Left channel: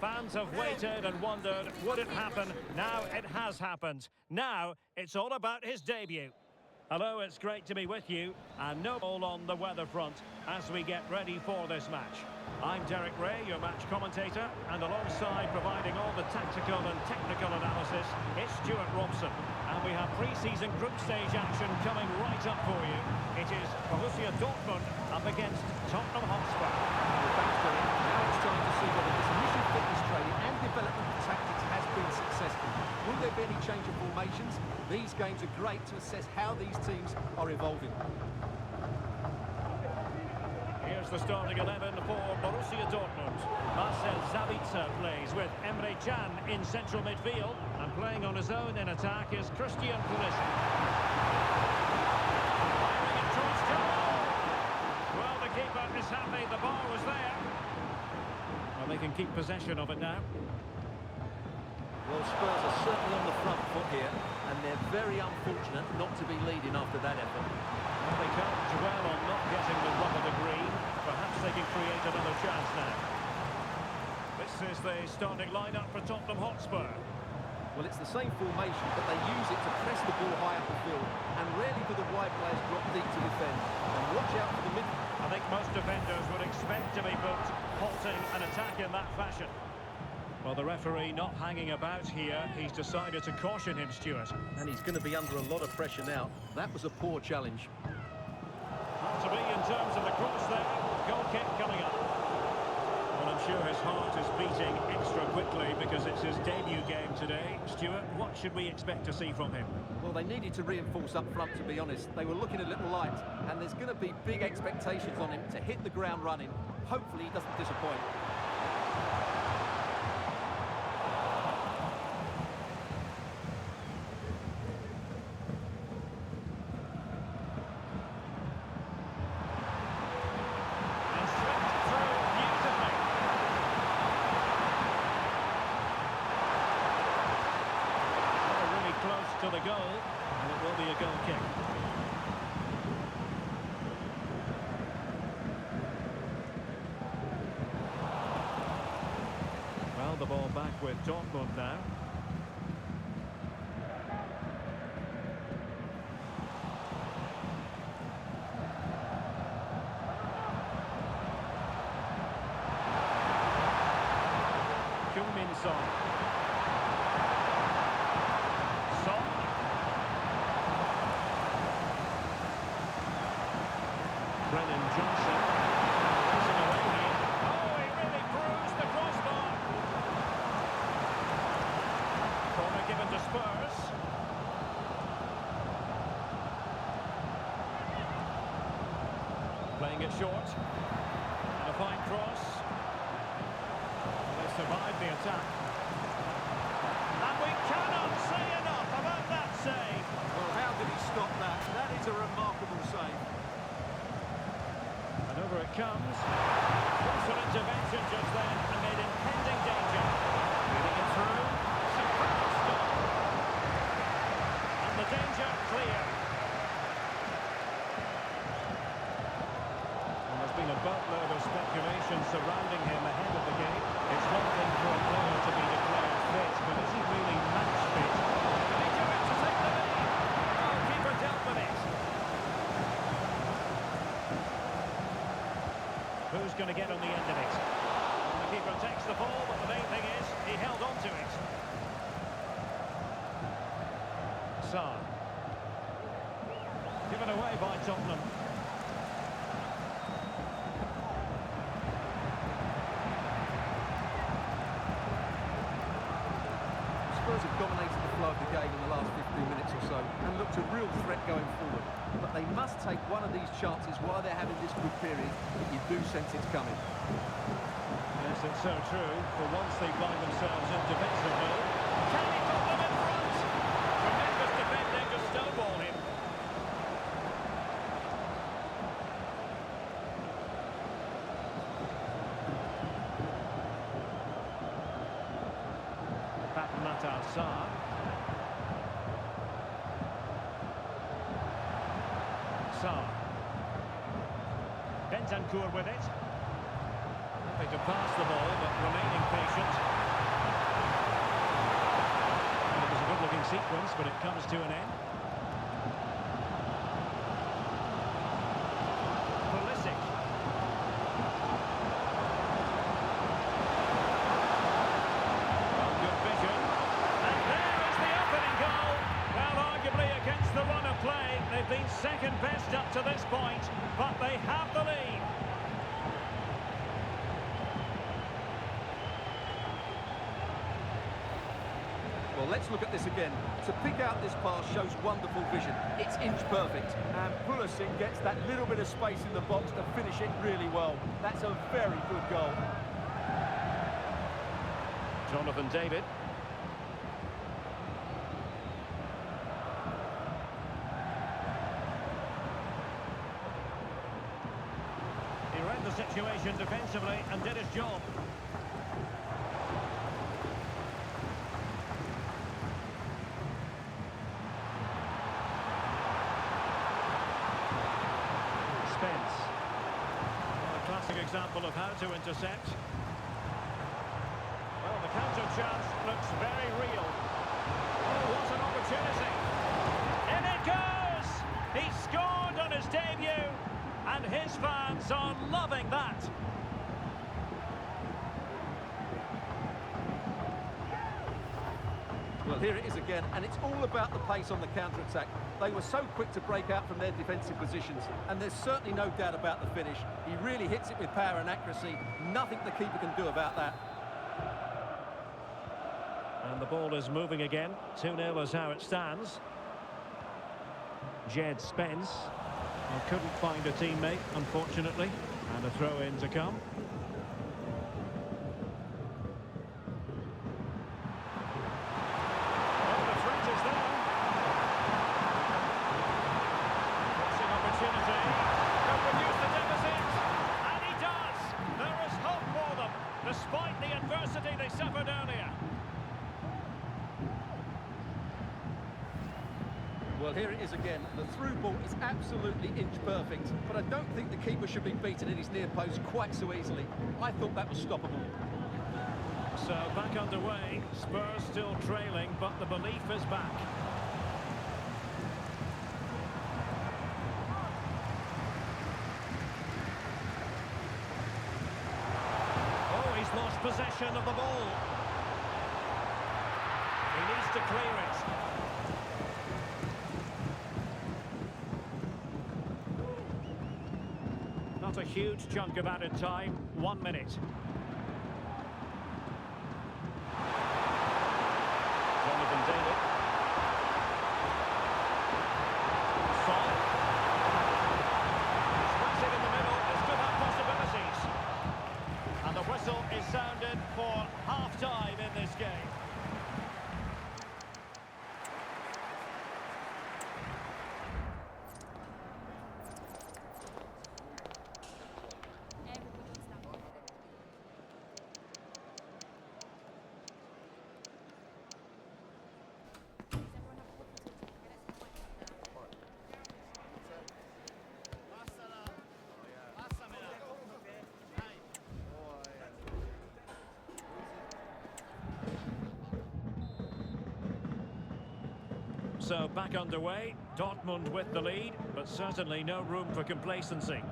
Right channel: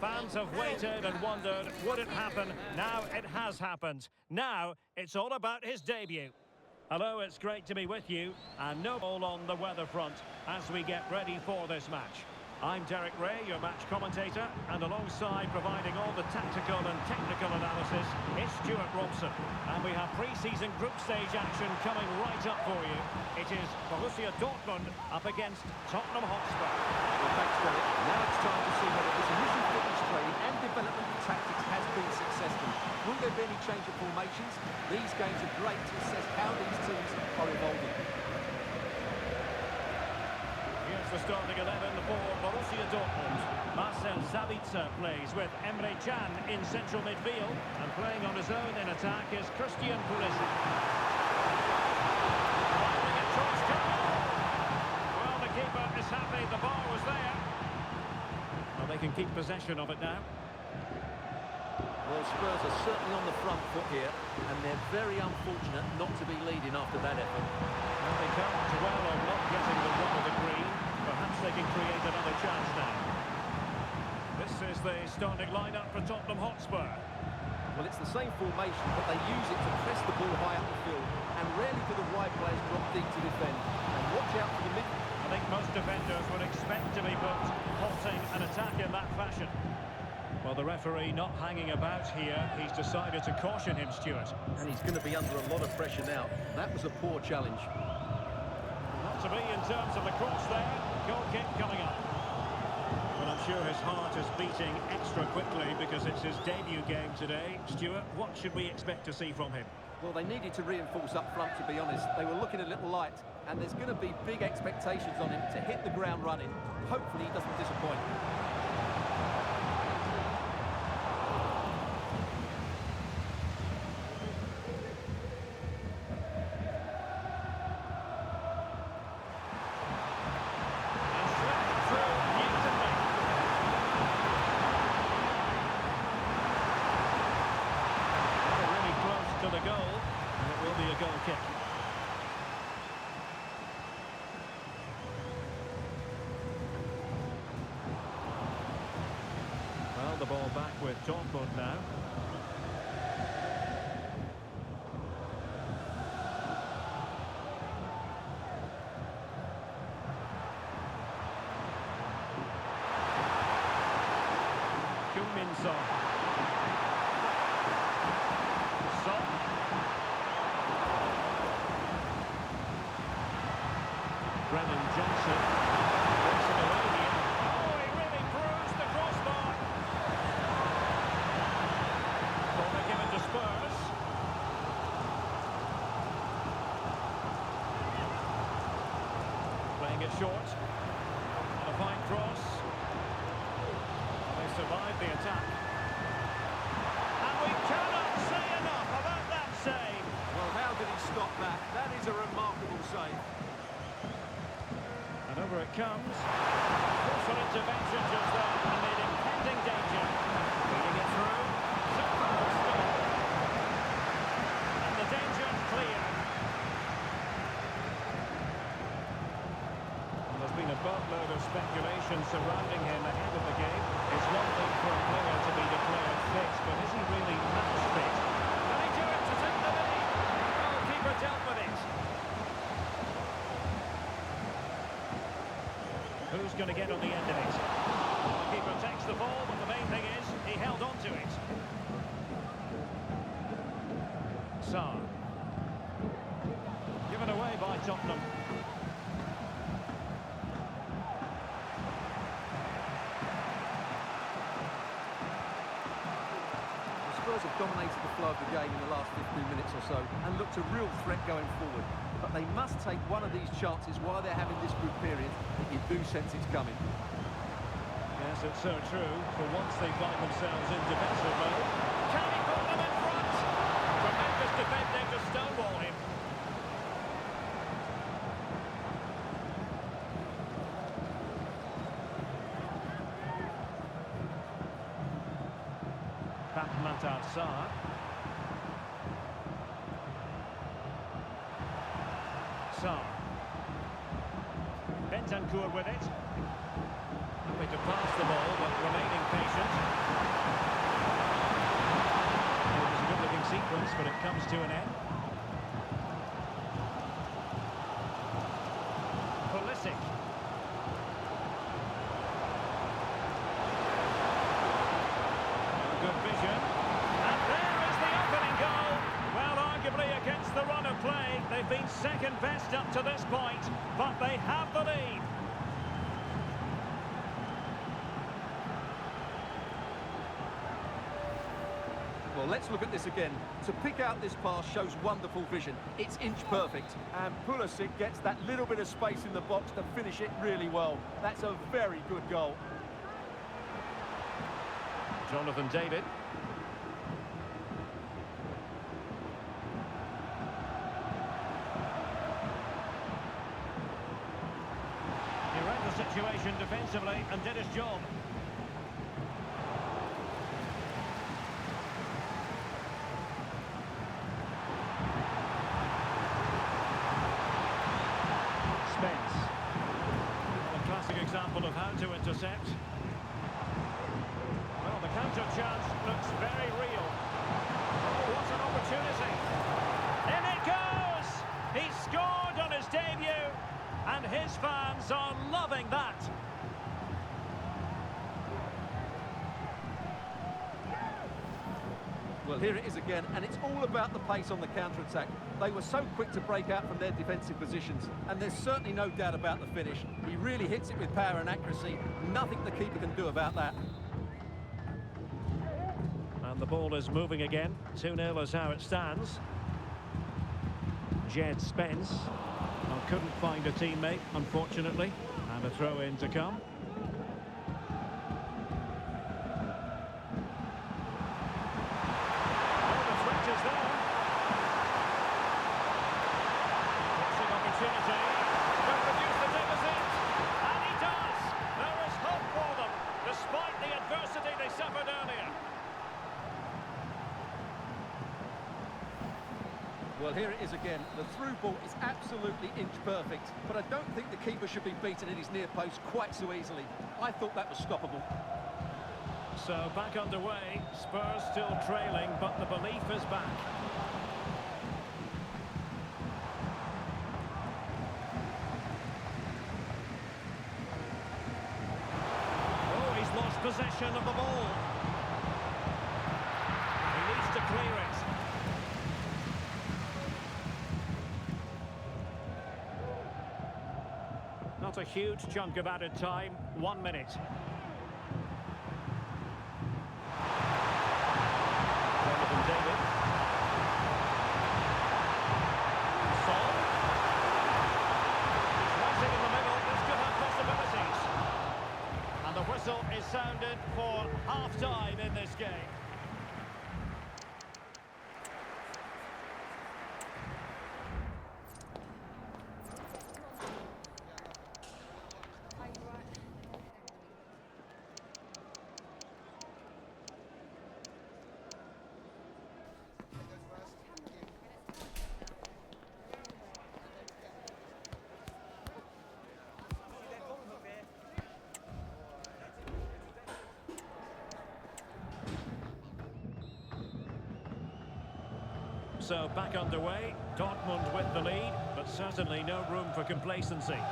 fans have waited and wondered, would it happen? Now it has happened. Now it's all about his debut. Hello, it's great to be with you, and no ball on the weather front as we get ready for this match. I'm Derek Ray, your match commentator, and alongside providing all the tactical and technical analysis, it's Stuart Robson. And we have pre-season group stage action coming right up for you. It is Borussia Dortmund up against Tottenham Hotspur. Well, thanks, Derek. Now it's time to see whether this initial fitness training and development of tactics has been successful. Will there be any change of formations? These games are great to assess how these teams are evolving. Here's the starting 11 for Borussia Dortmund. Marcel Sabitzer plays with Emre Can in central midfield, and playing on his own in attack is Christian Pulisic. Firing it towards goal! Well, the keeper is happy the bar was there. Well, they can keep possession of it now. Well, Spurs are certainly on the front foot here, and they're very unfortunate not to be leading after that effort. Well, they can't dwell on not getting the rub of the green. Perhaps they can create another chance now. This is the starting lineup for Tottenham Hotspur. Well, it's the same formation, but they use it to press the ball high up the field, and rarely do the wide players drop deep to defend. And watch out for the mid... I think most defenders would expect to be booked, halting an attack in that fashion. Well, the referee not hanging about here. He's decided to caution him, Stuart. And he's going to be under a lot of pressure now. That was a poor challenge. Not to be in terms of the cross there. Goal kick coming up. Well, I'm sure his heart is beating extra quickly because it's his debut game today. Stuart, what should we expect to see from him? Well, they needed to reinforce up front, to be honest. They were looking a little light, and there's going to be big expectations on him to hit the ground running. Hopefully he doesn't disappoint. To the goal, and it will be a goal kick. Well, the ball back with Dortmund now. Heung-min Son. Brennan Johnson racing away here. Oh, he really bruised the crossbar. Corner given to Spurs. Playing it short. And a fine cross. Well, they survived the attack. And we cannot say enough about that save. Well, how did he stop that? That is a remarkable save. And over it comes. Crucial intervention just then amid impending danger. Feeding it through. Superb stop. And the danger clear. Well, there's been a boatload of speculation surrounding him ahead of the game. It's one thing for a player to be declared fit, but is he really match fit? Can he do it to take the lead? Oh, keeper dealt with it. Who's going to get on the end of it? The keeper takes the ball, but the main thing is he held on to it. Sarr. Given away by Tottenham. Spurs have dominated the flow of the game in the last 15 minutes or so and looked a real threat going forward. But they must take one of these chances while they're having this good period that you do sense it's coming. Yes, it's so true. For once they find themselves in defensive mode. Can he put them in front? Tremendous defending to stonewall him. Matar Sarr. Sarr. Bentancur with it. Happy to pass the ball, but remaining patient. Well, it was a good-looking sequence, but it comes to an end. Pulisic. Well, good vision. And there is the opening goal. Well, arguably against the run of play, they've been second best up to this point, but they have the lead. Well, let's look at this again. To pick out this pass shows wonderful vision. It's inch perfect. And Pulisic gets that little bit of space in the box to finish it really well. That's a very good goal. Jonathan David. He read the situation defensively and did his job. Spence. Well, a classic example of how to intercept. Well, the counter chance looks very real. Oh, what an opportunity. In it goes! He scored on his debut, and his fans are loving that. Well, here it is again, and it's all about the pace on the counter-attack. They were so quick to break out from their defensive positions, and there's certainly no doubt about the finish. He really hits it with power and accuracy. Nothing the keeper can do about that. And the ball is moving again. 2-0 is how it stands. Jed Spence. Well, couldn't find a teammate, unfortunately. And a throw-in to come. Oh, the threat is there. Crossing opportunity. Could reduce the deficit. And he does. There is hope for them, despite the adversity they suffered earlier. Well, here it is again. The through ball is absolutely inch perfect, but I don't think the keeper should be beaten in his near post quite so easily. I thought that was stoppable. So back underway, Spurs still trailing, but the belief is back. Oh, he's lost possession of the ball. He needs to clear it. Not a huge chunk of added time, 1 minute. Jonathan David. Son. He's racing in the middle, this could have possibilities. And the whistle is sounded for half-time in this game. So back underway, Dortmund with the lead, but certainly no room for complacency.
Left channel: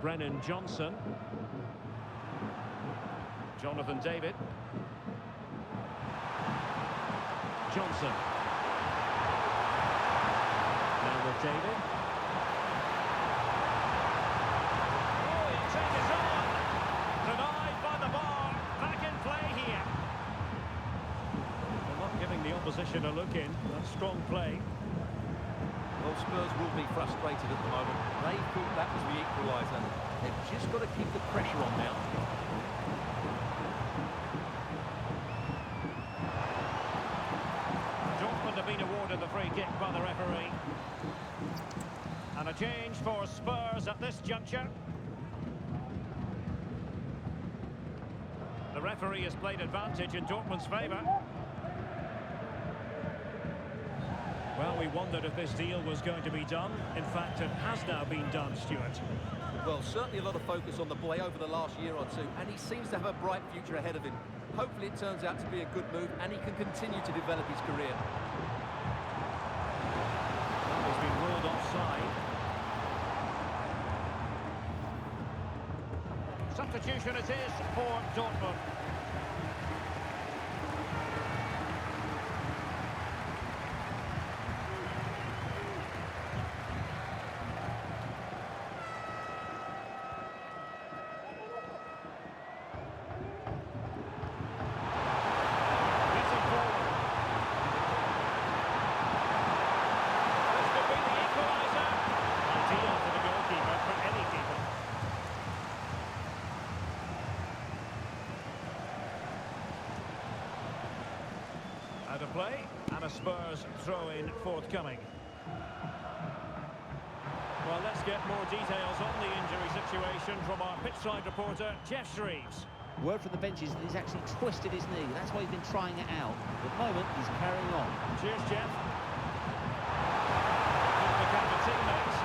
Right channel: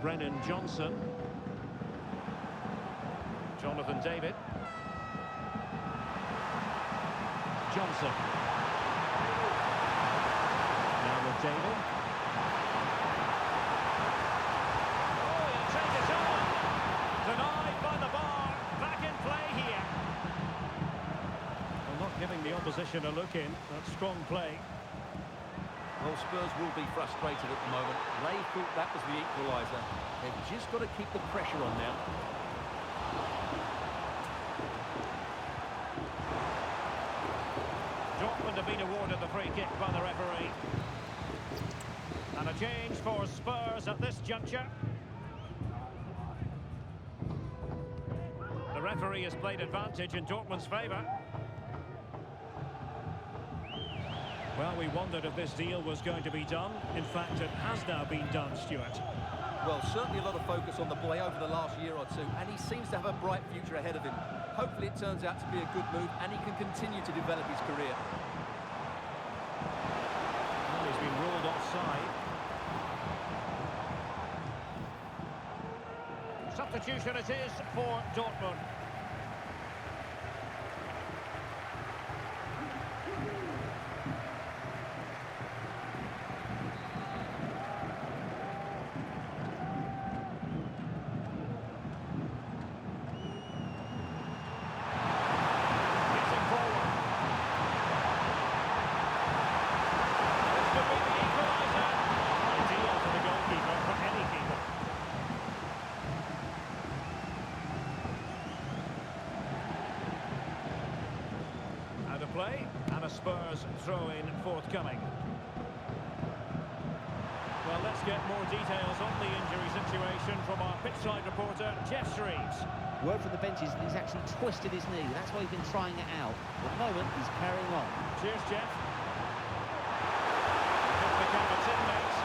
Brennan Johnson. Jonathan David. Johnson. Now with David. Take it on. Denied by the bar. Back in play here. Well, not giving the opposition a look in. That's strong play. Well, Spurs will be frustrated at the moment. They thought that was the equaliser. They've just got to keep the pressure on now. Dortmund have been awarded the free kick by the referee. And a change for Spurs at this juncture. The referee has played advantage in Dortmund's favour. Well, we wondered if this deal was going to be done. In fact, it has now been done, Stuart. Well, certainly a lot of focus on the boy over the last year or two, and he seems to have a bright future ahead of him. Hopefully it turns out to be a good move, and he can continue to develop his career. Well, he's been ruled offside. Substitution it is for Dortmund. Out of play, and a Spurs throw-in forthcoming. Well, let's get more details on the injury situation from our pitchside reporter, Jeff Shreves. Word from the benches that he's actually twisted his knee. That's why he's been trying it out. At the moment, he's carrying on. Cheers, Jeff. Could become a teammate.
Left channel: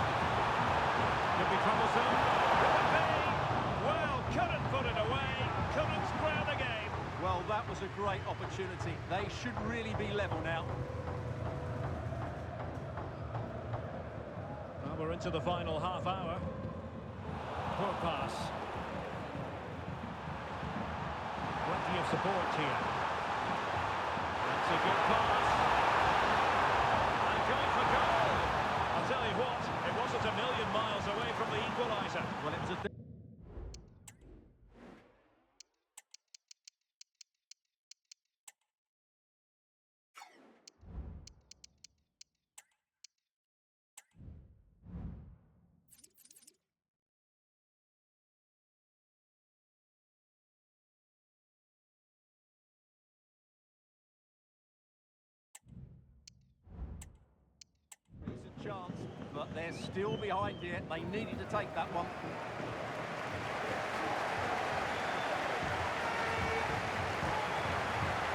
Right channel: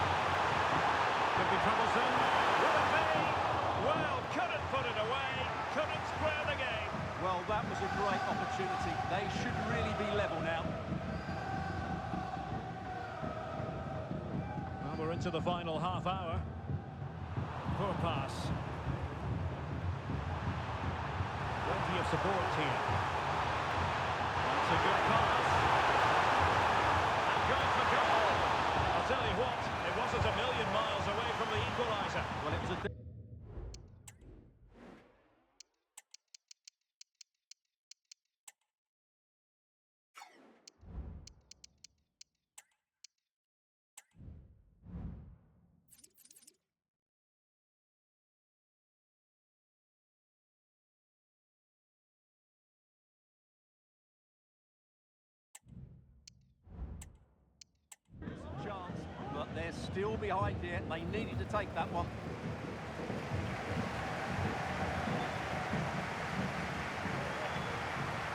Could be troublesome. Will it be? Well, couldn't put it away. Couldn't square the game. Well, that was a great opportunity. They should really be level now. Well, we're into the final half hour. Poor pass. Plenty of support here. That's a good pass. And going for goal. I'll tell you what, it wasn't a million miles away from the equaliser. Well, it was a... chance, but they're still behind here. They needed to take that one.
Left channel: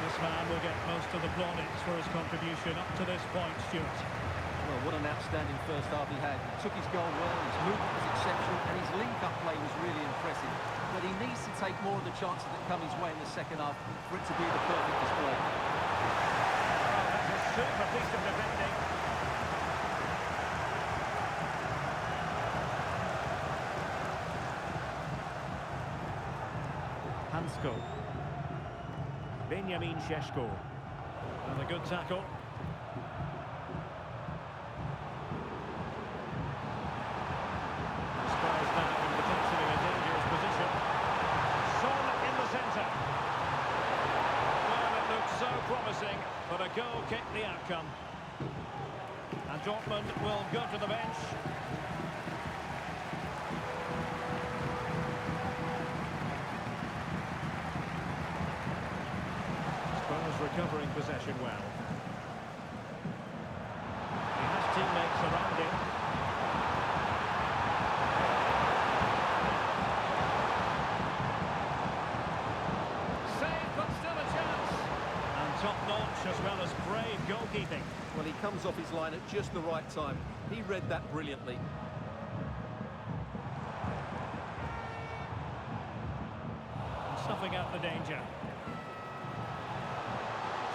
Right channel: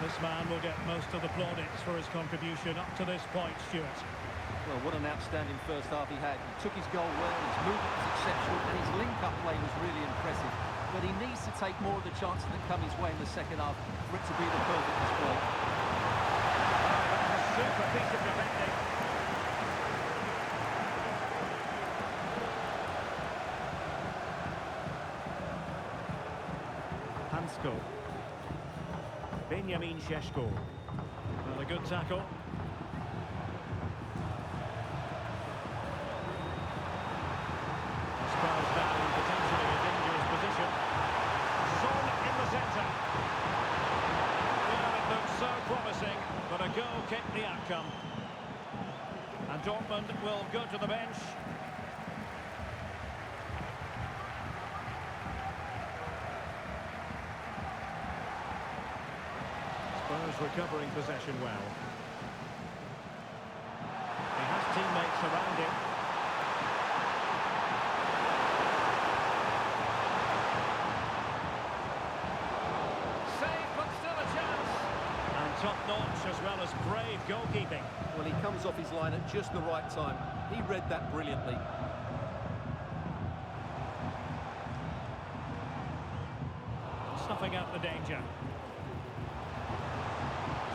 This man will get most of the plaudits for his contribution up to this point, Stuart. Well, what an outstanding first half he had. He took his goal well, his movement was exceptional, and his link-up play was really impressive. But he needs to take more of the chances that come his way in the second half for it to be the perfect display. Oh, that's a super piece of defending. Hansko. Benjamin Šeško. And a good tackle. The Spurs now in potentially a dangerous position. Son in the centre. Well, it looked so promising, but a goal kicked the outcome. And Dortmund will go to the bench. Spurs recovering possession well. He has teammates around him. Save, but still a chance. And top-notch as well as brave goalkeeping. Well, he comes off his line at just the right time. He read that brilliantly. And snuffing out the danger.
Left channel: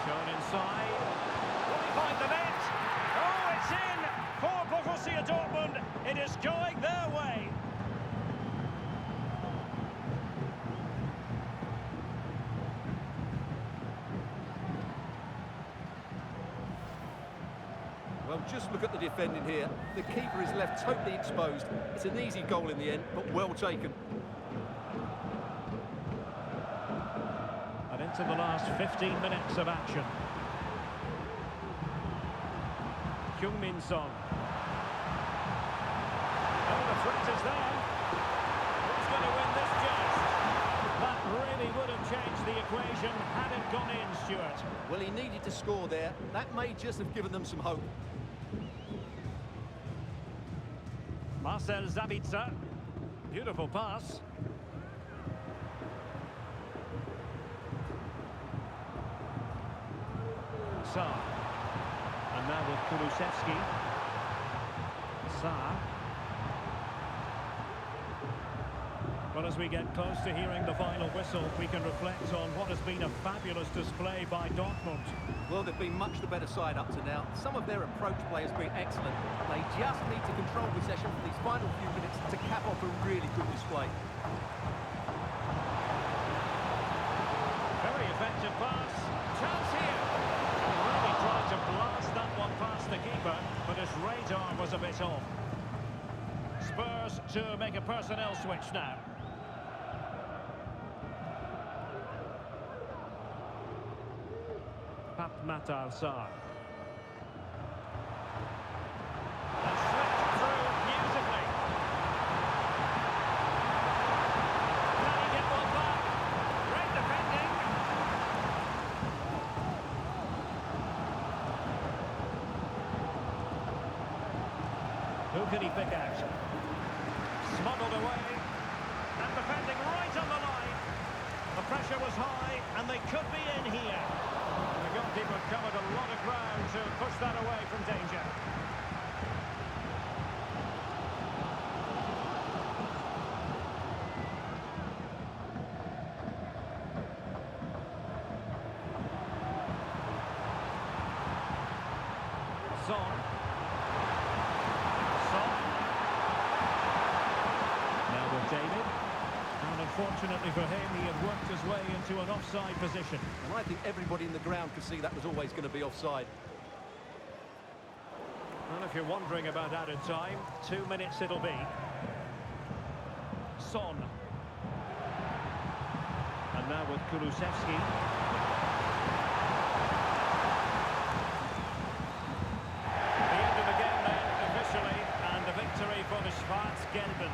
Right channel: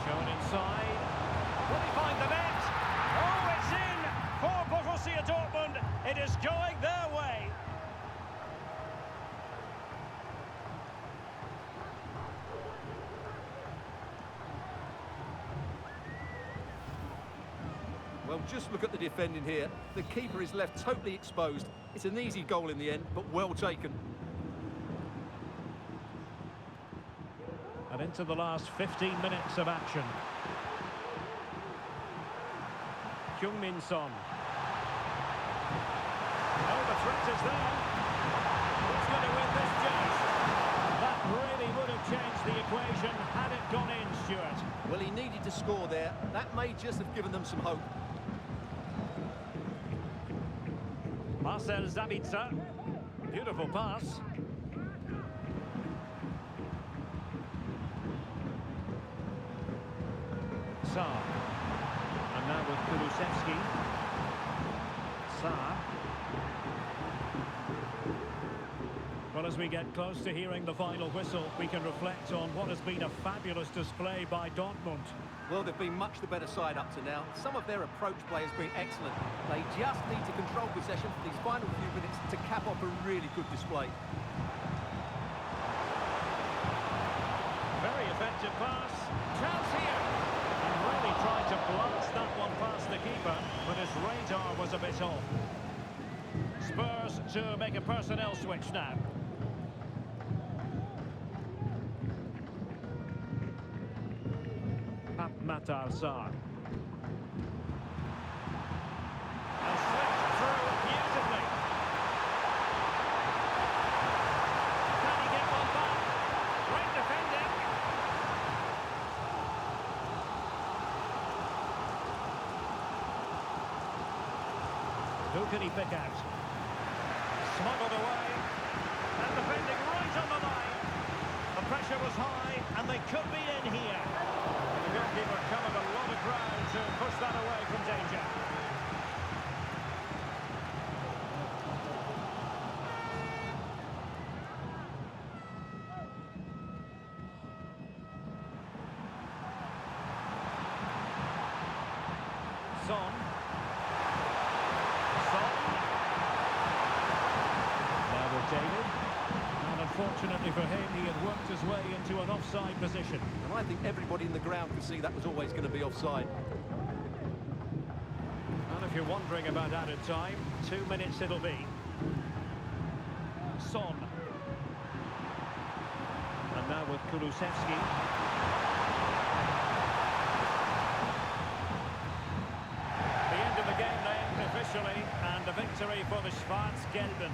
Shown inside. Will he find the net? Oh, it's in for Borussia Dortmund. It is going their way. Well, just look at the defending here. The keeper is left totally exposed. It's an easy goal in the end, but well taken. And into the last 15 minutes of action. Heung-min Son. Oh, the threat is there. Who's going to win this joust? That really would have changed the equation had it gone in, Stuart. Well, he needed to score there. That may just have given them some hope. Marcel Sabitzer. Beautiful pass. Sar. And now with Kulusevski. Sar. Well, as we get close to hearing the final whistle, we can reflect on what has been a fabulous display by Dortmund. Well, they've been much the better side up to now. Some of their approach play has been excellent. They just need to control possession for these final few minutes to cap off a really good display. Very effective pass. Chance here. And really tried to blast that one past the keeper, but his radar was a bit off. Spurs to make a personnel switch now. Matar Sar. And slipped through beautifully. Can he get one back? Great defending. Who can he pick out? Smuggled away. And defending right on the line. The pressure was high, and they could be in here. The goalkeeper covered a lot of ground to push that away from danger. Son. Now with David. And unfortunately for him, he had worked his way into an offside position. And I think everybody in the ground could see that was always going to be offside. Well, if you're wondering about added time, 2 minutes it'll be. Son. And now with Kulusevski. The end of the game then, officially, and a victory for the Schwarz-Gelben.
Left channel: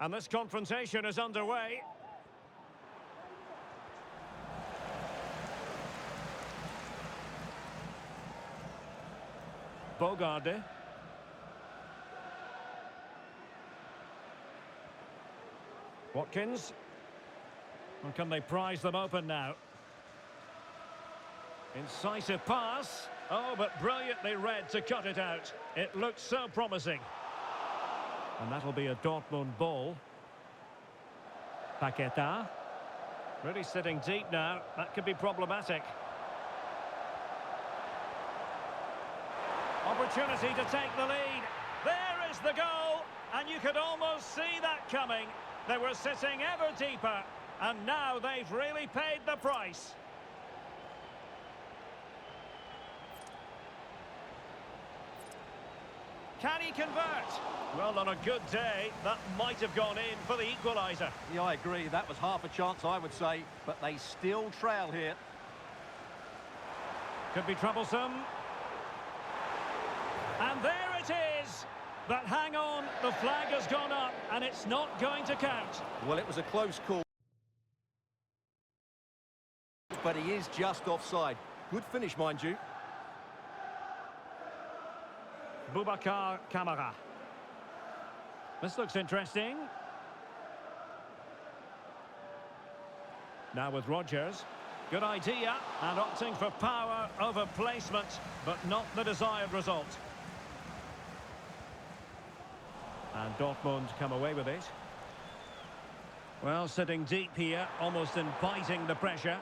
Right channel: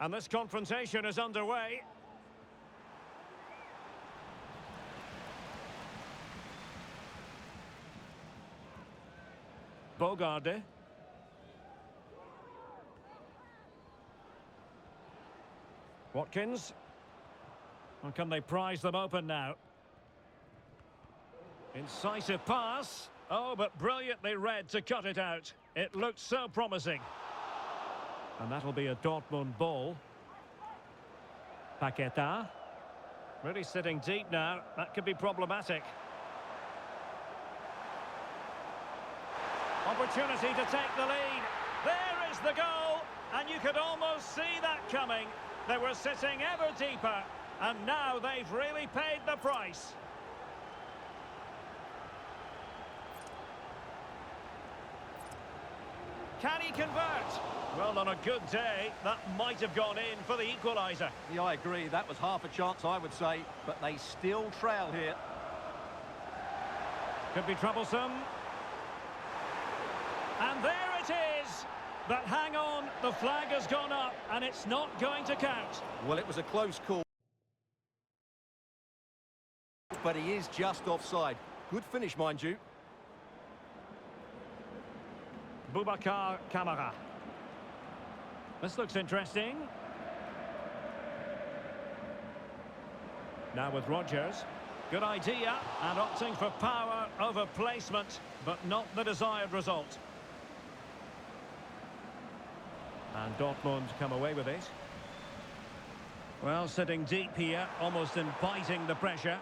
And this confrontation is underway. Bogarde. Watkins. And can they prise them open now? Incisive pass. Oh, but brilliantly read to cut it out. It looked so promising. And that'll be a Dortmund ball. Paqueta. Really sitting deep now. That could be problematic. Opportunity to take the lead. There is the goal. And you could almost see that coming. They were sitting ever deeper. And now they've really paid the price. Can he convert? Well, on a good day, that might have gone in for the equaliser. Yeah, I agree. That was half a chance, I would say. But they still trail here. Could be troublesome. And there it is. But hang on, the flag has gone up and it's not going to count. Well, it was a close call. But he is just offside. Good finish, mind you. Boubacar Kamara. This looks interesting. Now with Rodgers. Good idea, and opting for power over placement, but not the desired result. And Dortmund come away with it. Well, sitting deep here, almost inviting the pressure.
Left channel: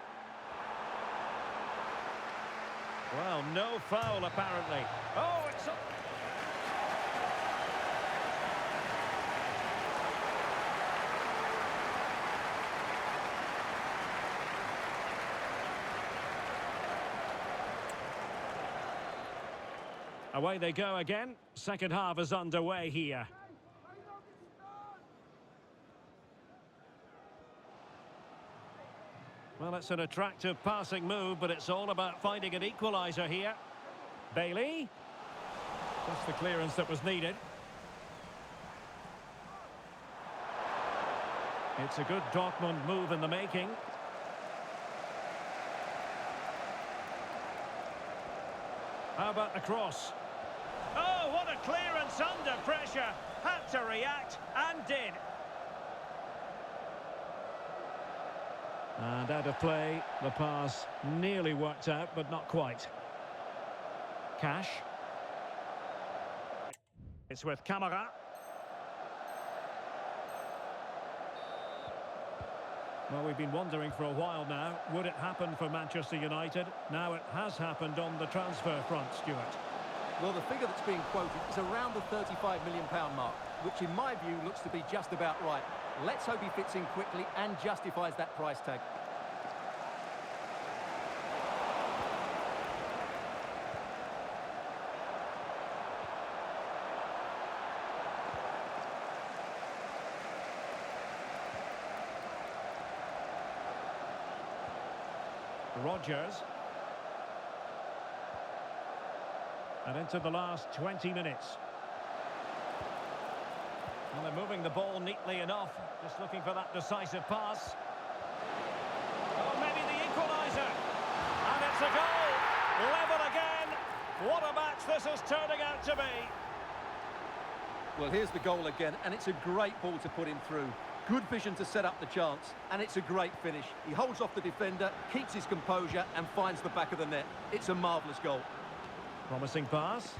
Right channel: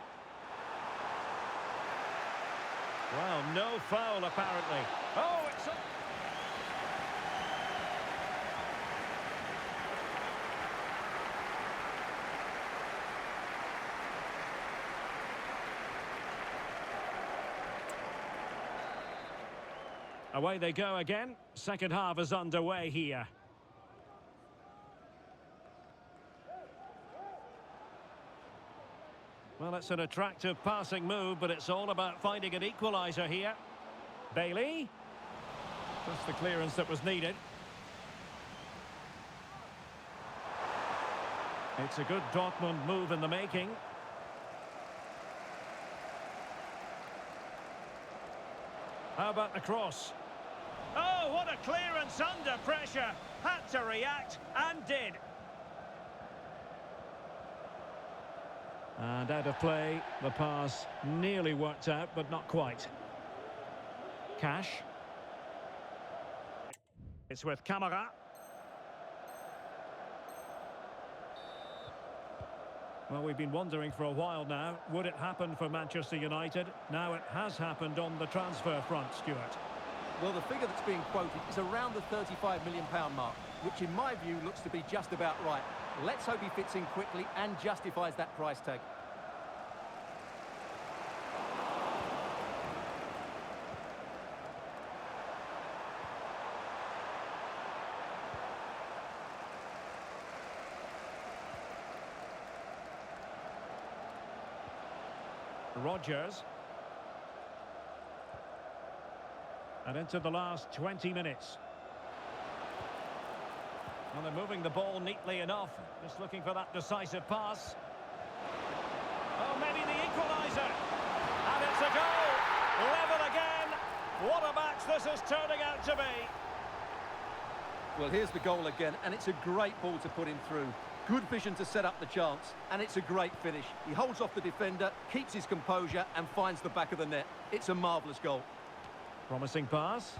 Well, no foul apparently. Oh, it's up. Away they go again. Second half is underway here. Well, it's an attractive passing move, but it's all about finding an equaliser here. Bailey. Just the clearance that was needed. It's a good Dortmund move in the making. How about the cross? Oh, what a clearance under pressure. Had to react and did. And out of play, the pass nearly worked out, but not quite. Cash. It's with Kamara. Well, we've been wondering for a while now, would it happen for Manchester United? Now it has happened on the transfer front, Stuart. Well, the figure that's being quoted is around the £35 million mark, which in my view looks to be just about right. Let's hope he fits in quickly and justifies that price tag. Rodgers. And into the last 20 minutes. Well, they're moving the ball neatly enough. Just looking for that decisive pass. Oh, maybe the equaliser. And it's a goal. Level again. What a match this is turning out to be. Well, here's the goal again, and it's a great ball to put him through. Good vision to set up the chance, and it's a great finish. He holds off the defender, keeps his composure, and finds the back of the net. It's a marvellous goal. Promising pass.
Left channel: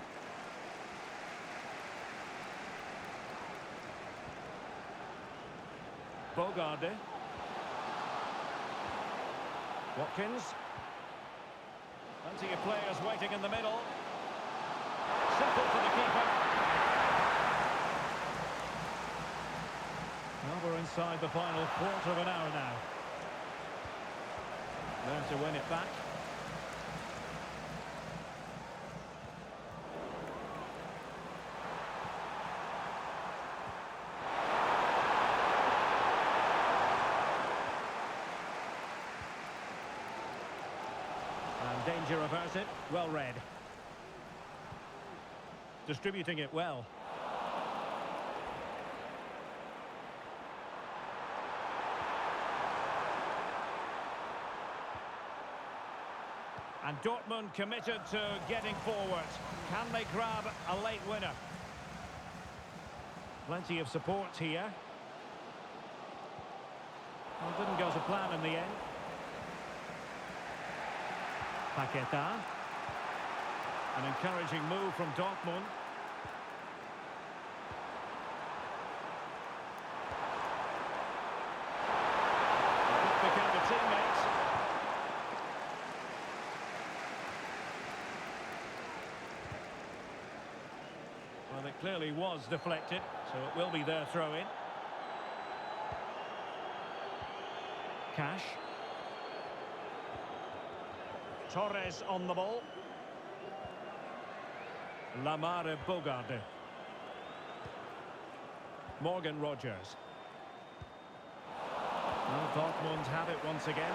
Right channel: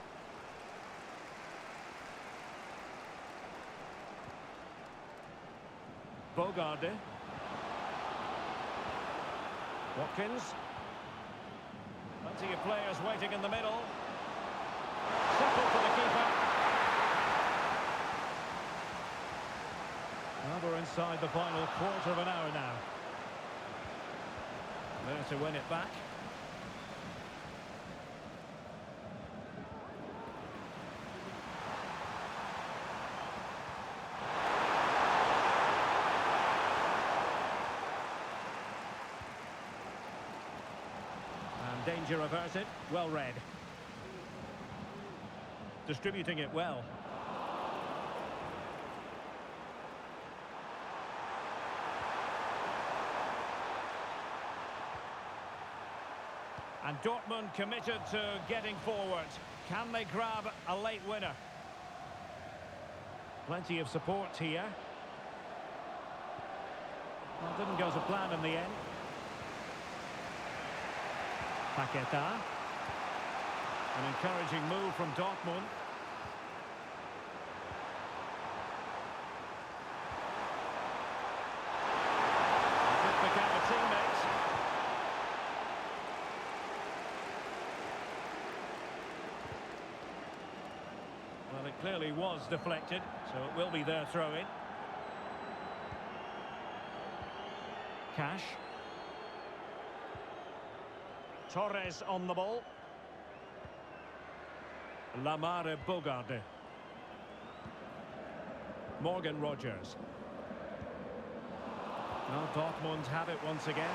Bogarde. Watkins. Plenty of players waiting in the middle. Simple for the keeper. Well, we're inside the final quarter of an hour now. There to win it back. And danger averted. Well read. Distributing it well. And Dortmund committed to getting forward. Can they grab a late winner? Plenty of support here. Well, didn't go to plan in the end. Paqueta. An encouraging move from Dortmund. They could pick out the teammates. Well, it clearly was deflected, so it will be their throw-in. Cash. Torres on the ball. Lamare Bogarde. Morgan Rogers. Well, Dortmund have it once again.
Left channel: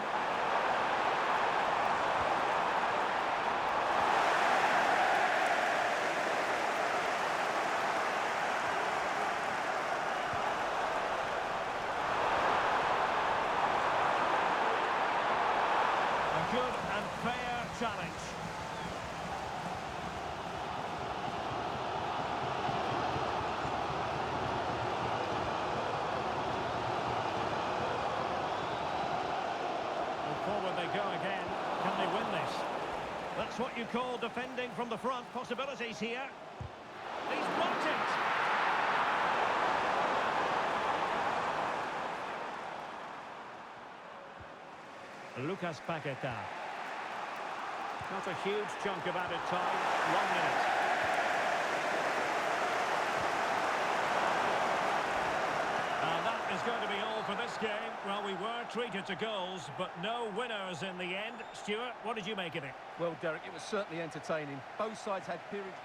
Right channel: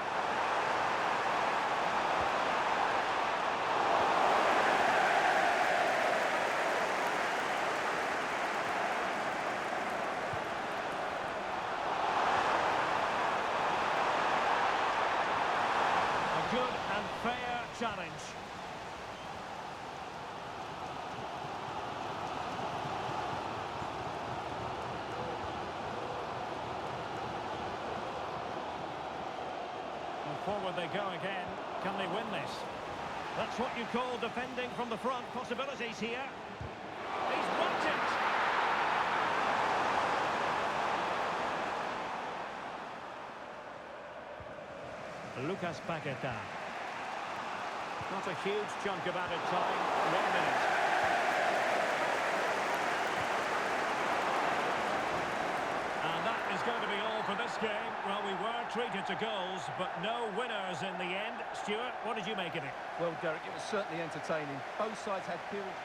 A good and fair challenge. Forward they go again. Can they win this? That's what you call defending from the front. Possibilities here. He's blocked it. Lucas Paqueta. Not a huge chunk of added time. 1 minute. And that is going to be all for this game. Well, we were treated to goals, but no winners in the end. Stuart, what did you make of it? Well, Derek, it was certainly entertaining. Both sides had periods...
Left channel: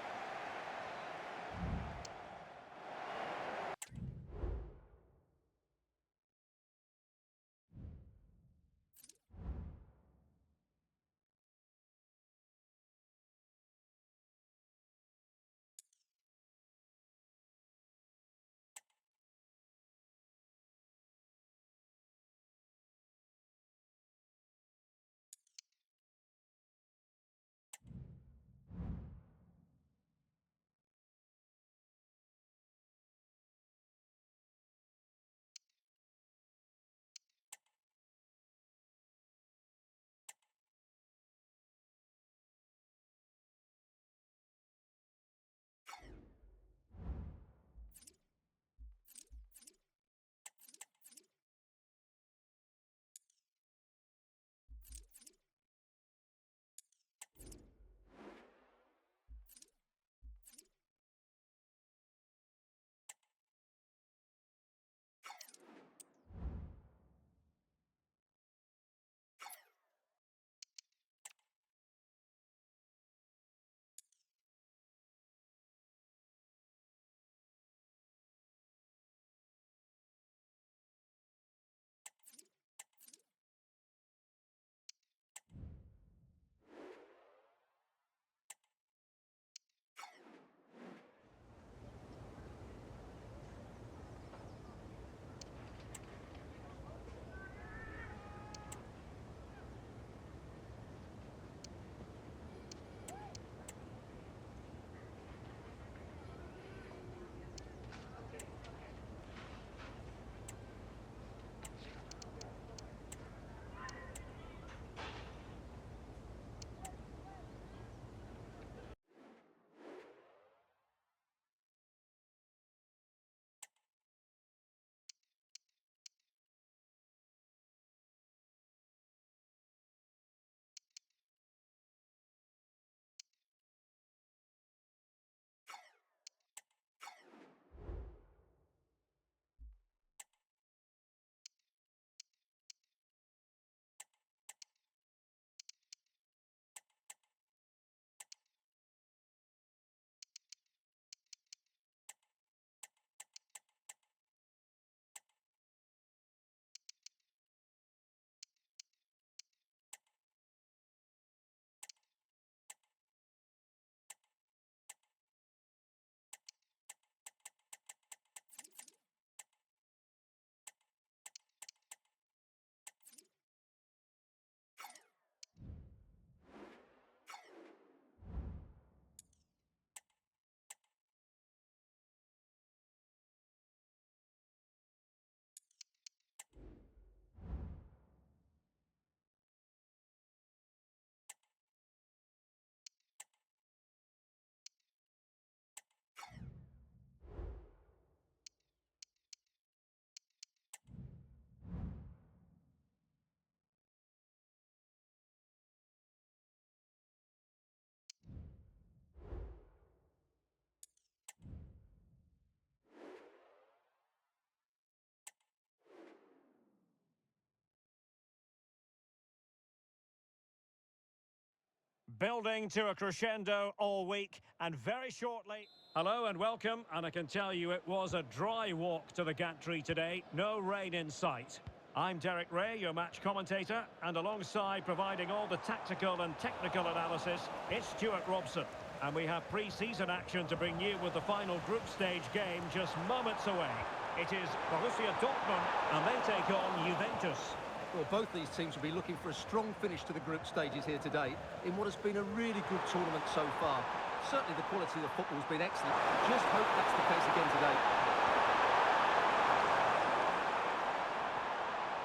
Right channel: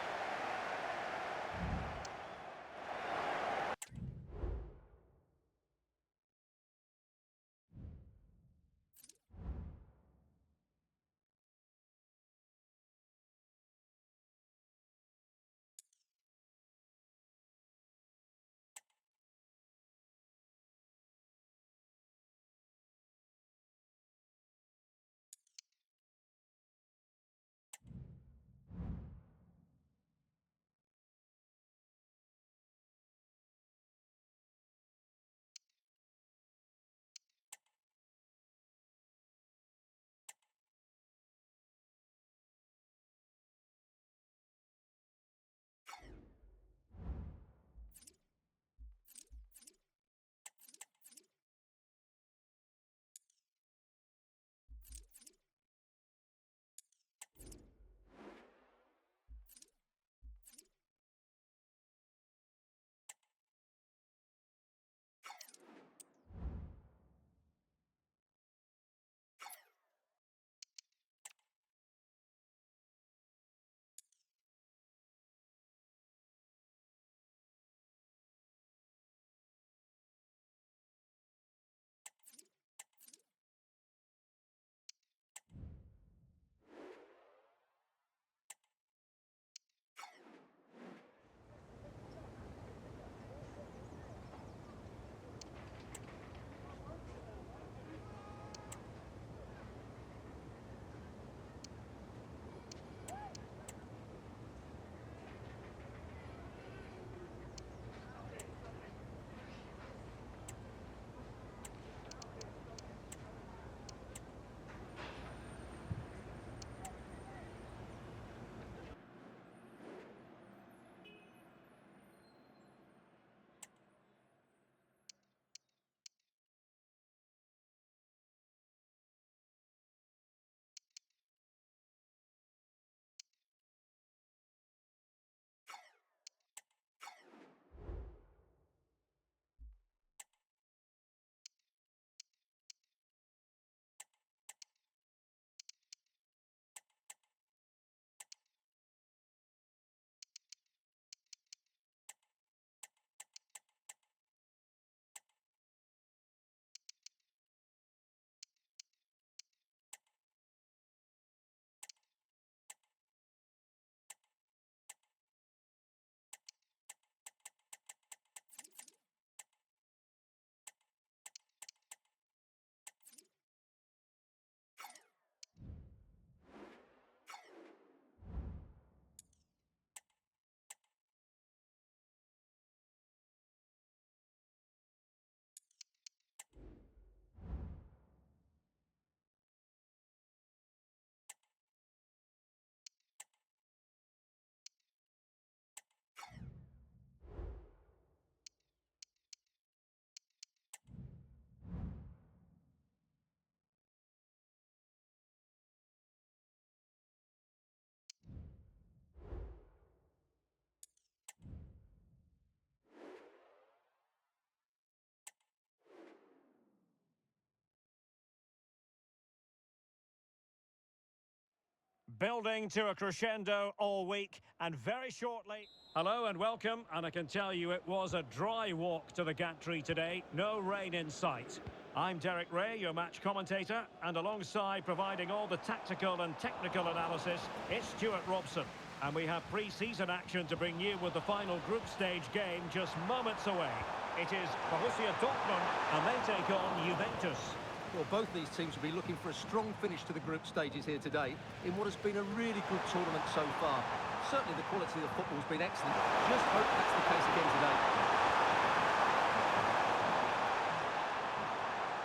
Building to a crescendo all week, and very shortly... Hello and welcome, and I can tell you it was a dry walk to the gantry today. No rain in sight. I'm Derek Ray, your match commentator, and alongside providing all the tactical and technical analysis, it's Stuart Robson. And we have pre-season action to bring you with the final group stage game just moments away. It is Borussia Dortmund, and they take on Juventus. Well, both these teams will be looking for a strong finish to the group stages here today in what has been a really good tournament so far. Certainly the quality of the football has been excellent. Just hope that's the case again today.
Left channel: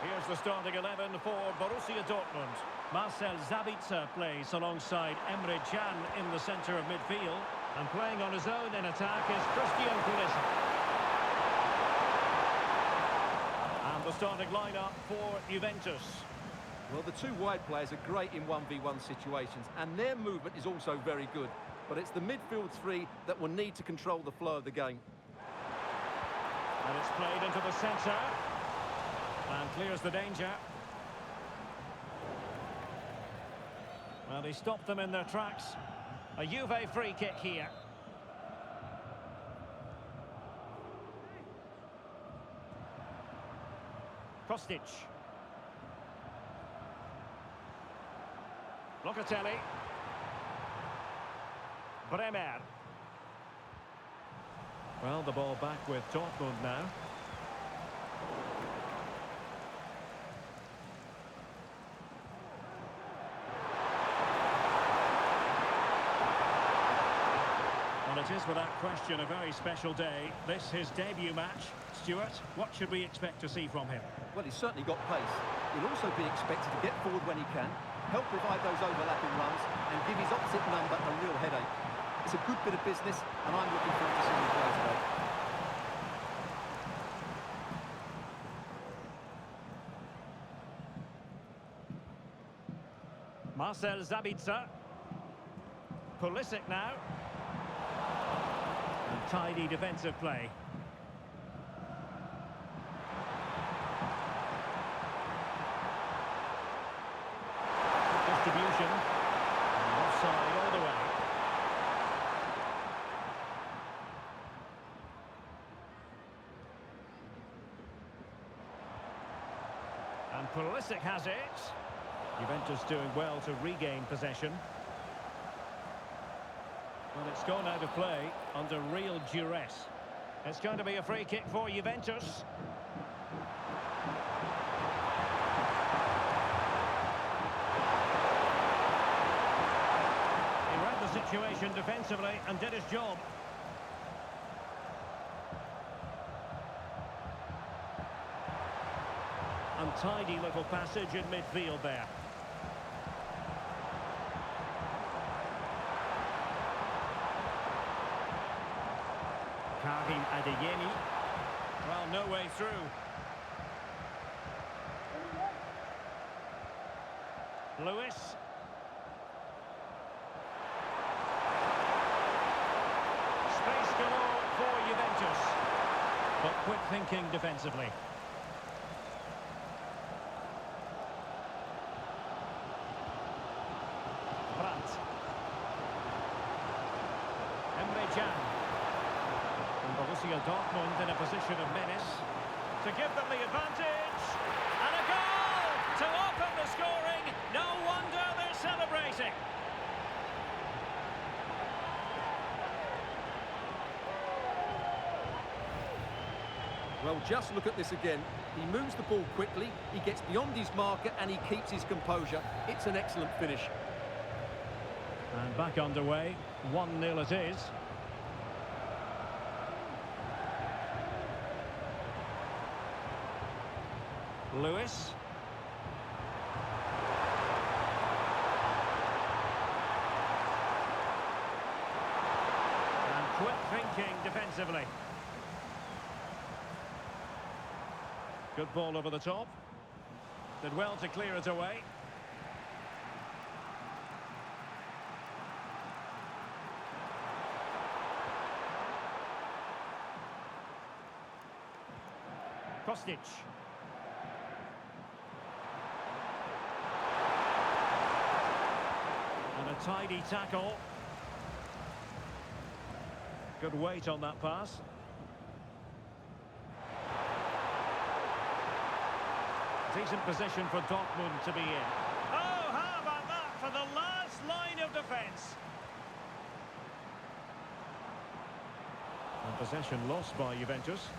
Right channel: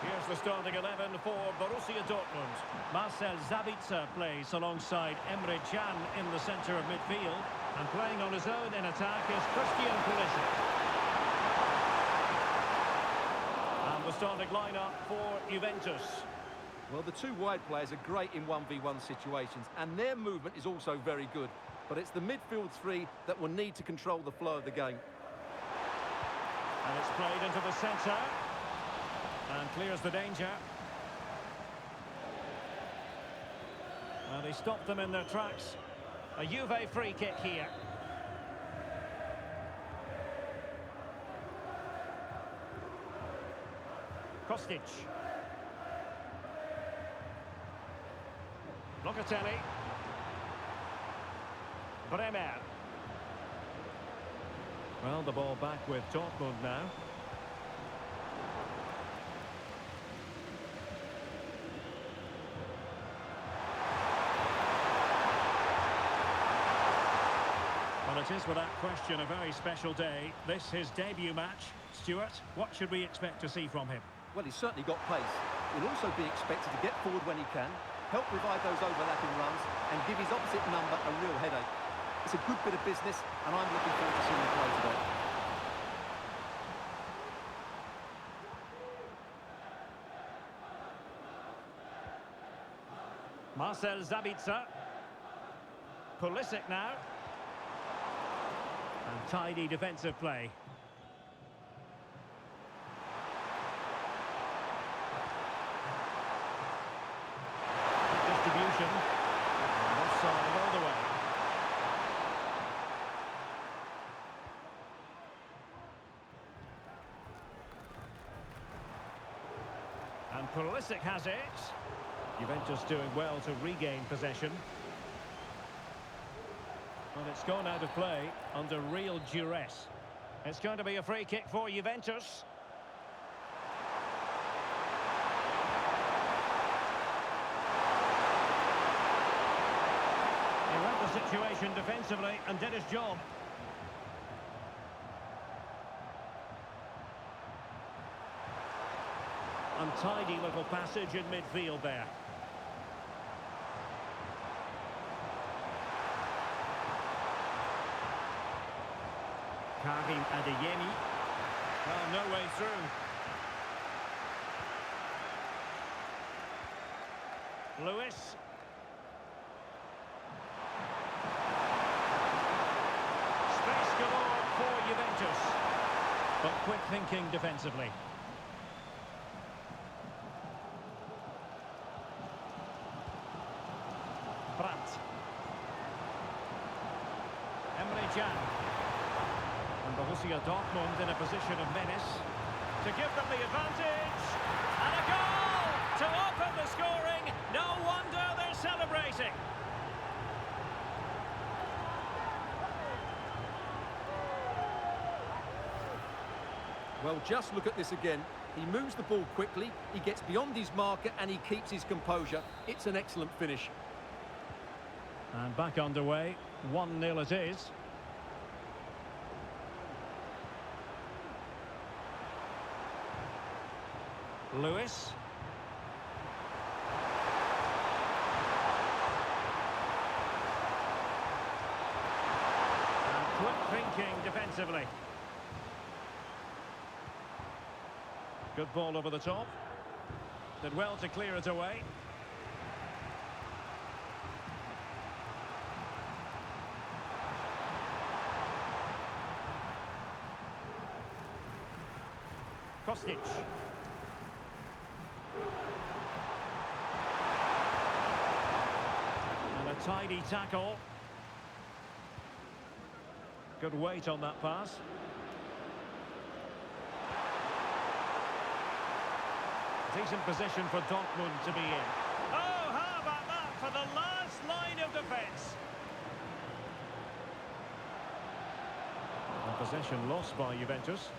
Here's the starting 11 for Borussia Dortmund. Marcel Sabitzer plays alongside Emre Can in the centre of midfield. And playing on his own in attack is Christian Pulisic. And the starting lineup for Juventus. Well, the two wide players are great in 1v1 situations, and their movement is also very good. But it's the midfield three that will need to control the flow of the game. And it's played into the centre. And clears the danger. Well, he stopped them in their tracks. A Juve free kick here. Kostic. Locatelli. Bremer. Well, the ball back with Dortmund now. Well, it is without question a very special day. This his debut match. Stuart, what should we expect to see from him? Well, he's certainly got pace. He'll also be expected to get forward when he can, help provide those overlapping runs, and give his opposite number a real headache. It's a good bit of business, and I'm looking forward to seeing him play today. Marcel Sabitzer. Pulisic now. And tidy defensive play. Good distribution. And offside all the way. And Pulisic has it. Juventus doing well to regain possession. Well, it's gone out of play under real duress. It's going to be a free kick for Juventus. He read the situation defensively and did his job. Untidy little passage in midfield there. Karim Adeyemi. Well, no way through. Lewis. Space galore for Juventus. But quick thinking defensively. Brandt. Emre Can. And Borussia Dortmund in a position of menace to give them the advantage. And a goal to open the scoring. No wonder they're celebrating. Well, just look at this again. He moves the ball quickly, he gets beyond his marker, and he keeps his composure. It's an excellent finish. And back underway, 1-0 it is. Lewis. And quick thinking defensively. Good ball over the top. Did well to clear it away. Kostic. And a tidy tackle. Good weight on that pass. Decent position for Dortmund to be in. Oh, how about that for the last line of defence? And possession lost by Juventus.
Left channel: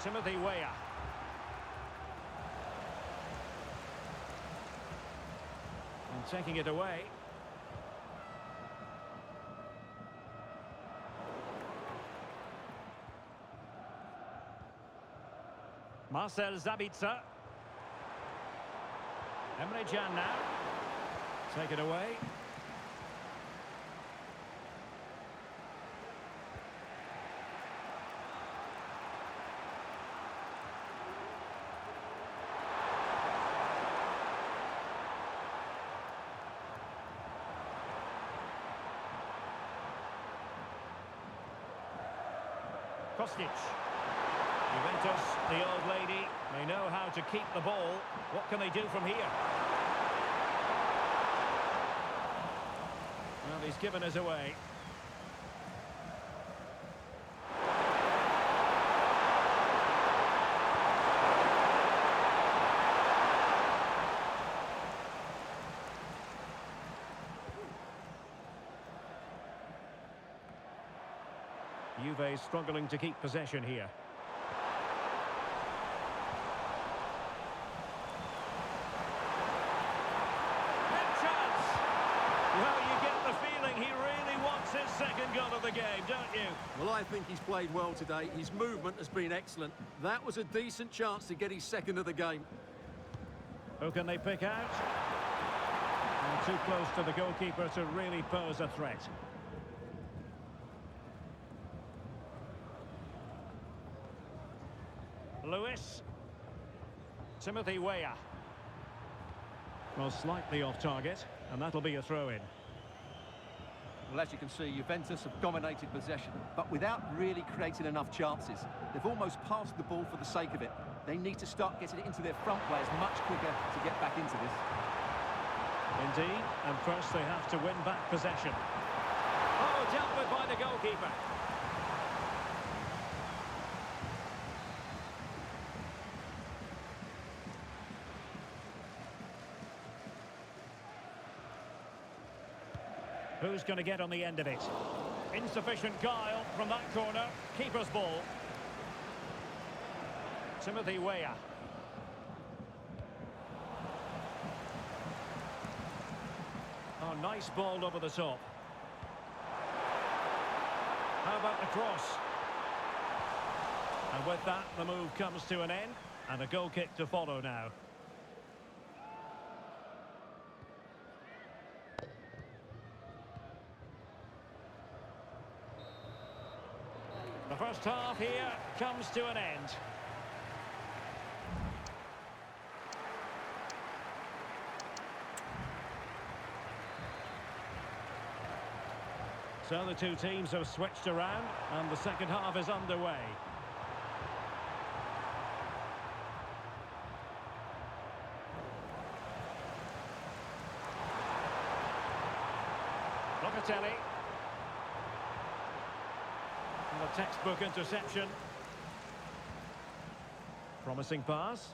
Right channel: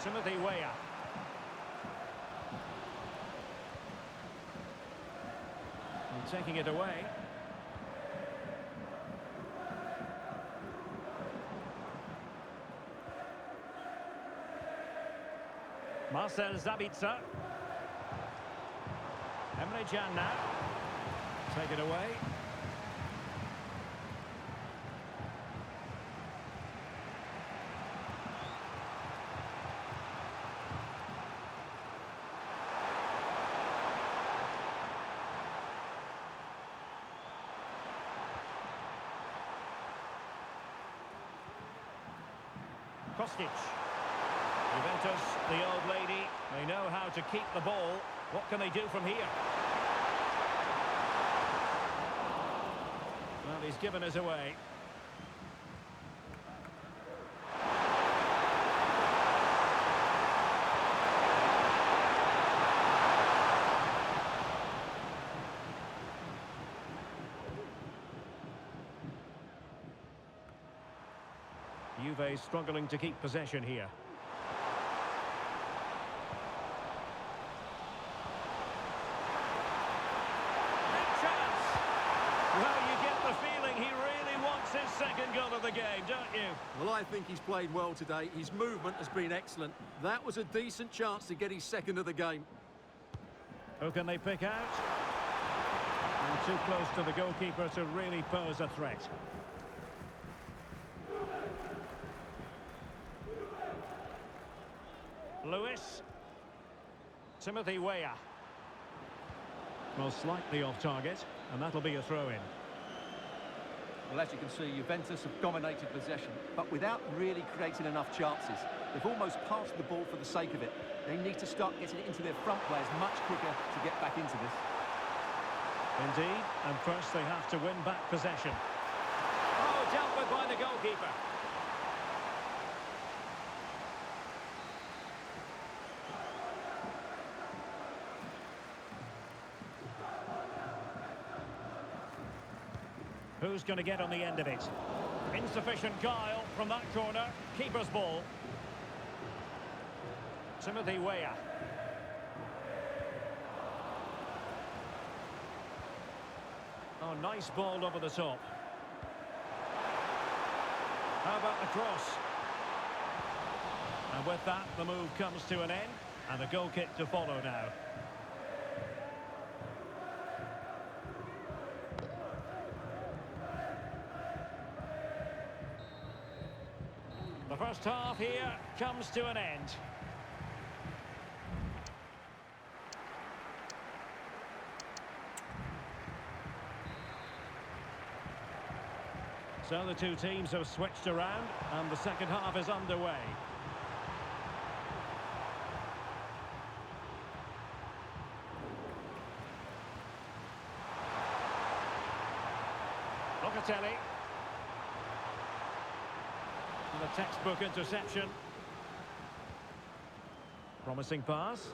Timothy Weah. And taking it away. Marcel Sabitzer. Emre Can now. Take it away. Kostic. Juventus, the old lady, they know how to keep the ball. What can they do from here? Well, he's given us away. Juve struggling to keep possession here. Well, you get the feeling he really wants his second goal of the game, don't you? Well, I think he's played well today. His movement has been excellent. That was a decent chance to get his second of the game. Who can they pick out? And too close to the goalkeeper to really pose a threat. Lewis. Timothy Weah. Well, slightly off target, and that'll be a throw-in. Well, as you can see, Juventus have dominated possession, but without really creating enough chances. They've almost passed the ball for the sake of it. They need to start getting it into their front players much quicker to get back into this. Indeed, and first they have to win back possession. Oh, dealt with by the goalkeeper. Who's going to get on the end of it? Insufficient guile from that corner. Keeper's ball. Timothy Weah. Oh, nice ball over the top. How about the cross? And with that, the move comes to an end. And a goal kick to follow now. The first half here comes to an end. So the two teams have switched around and the second half is underway. Locatelli. And a textbook interception. Promising pass.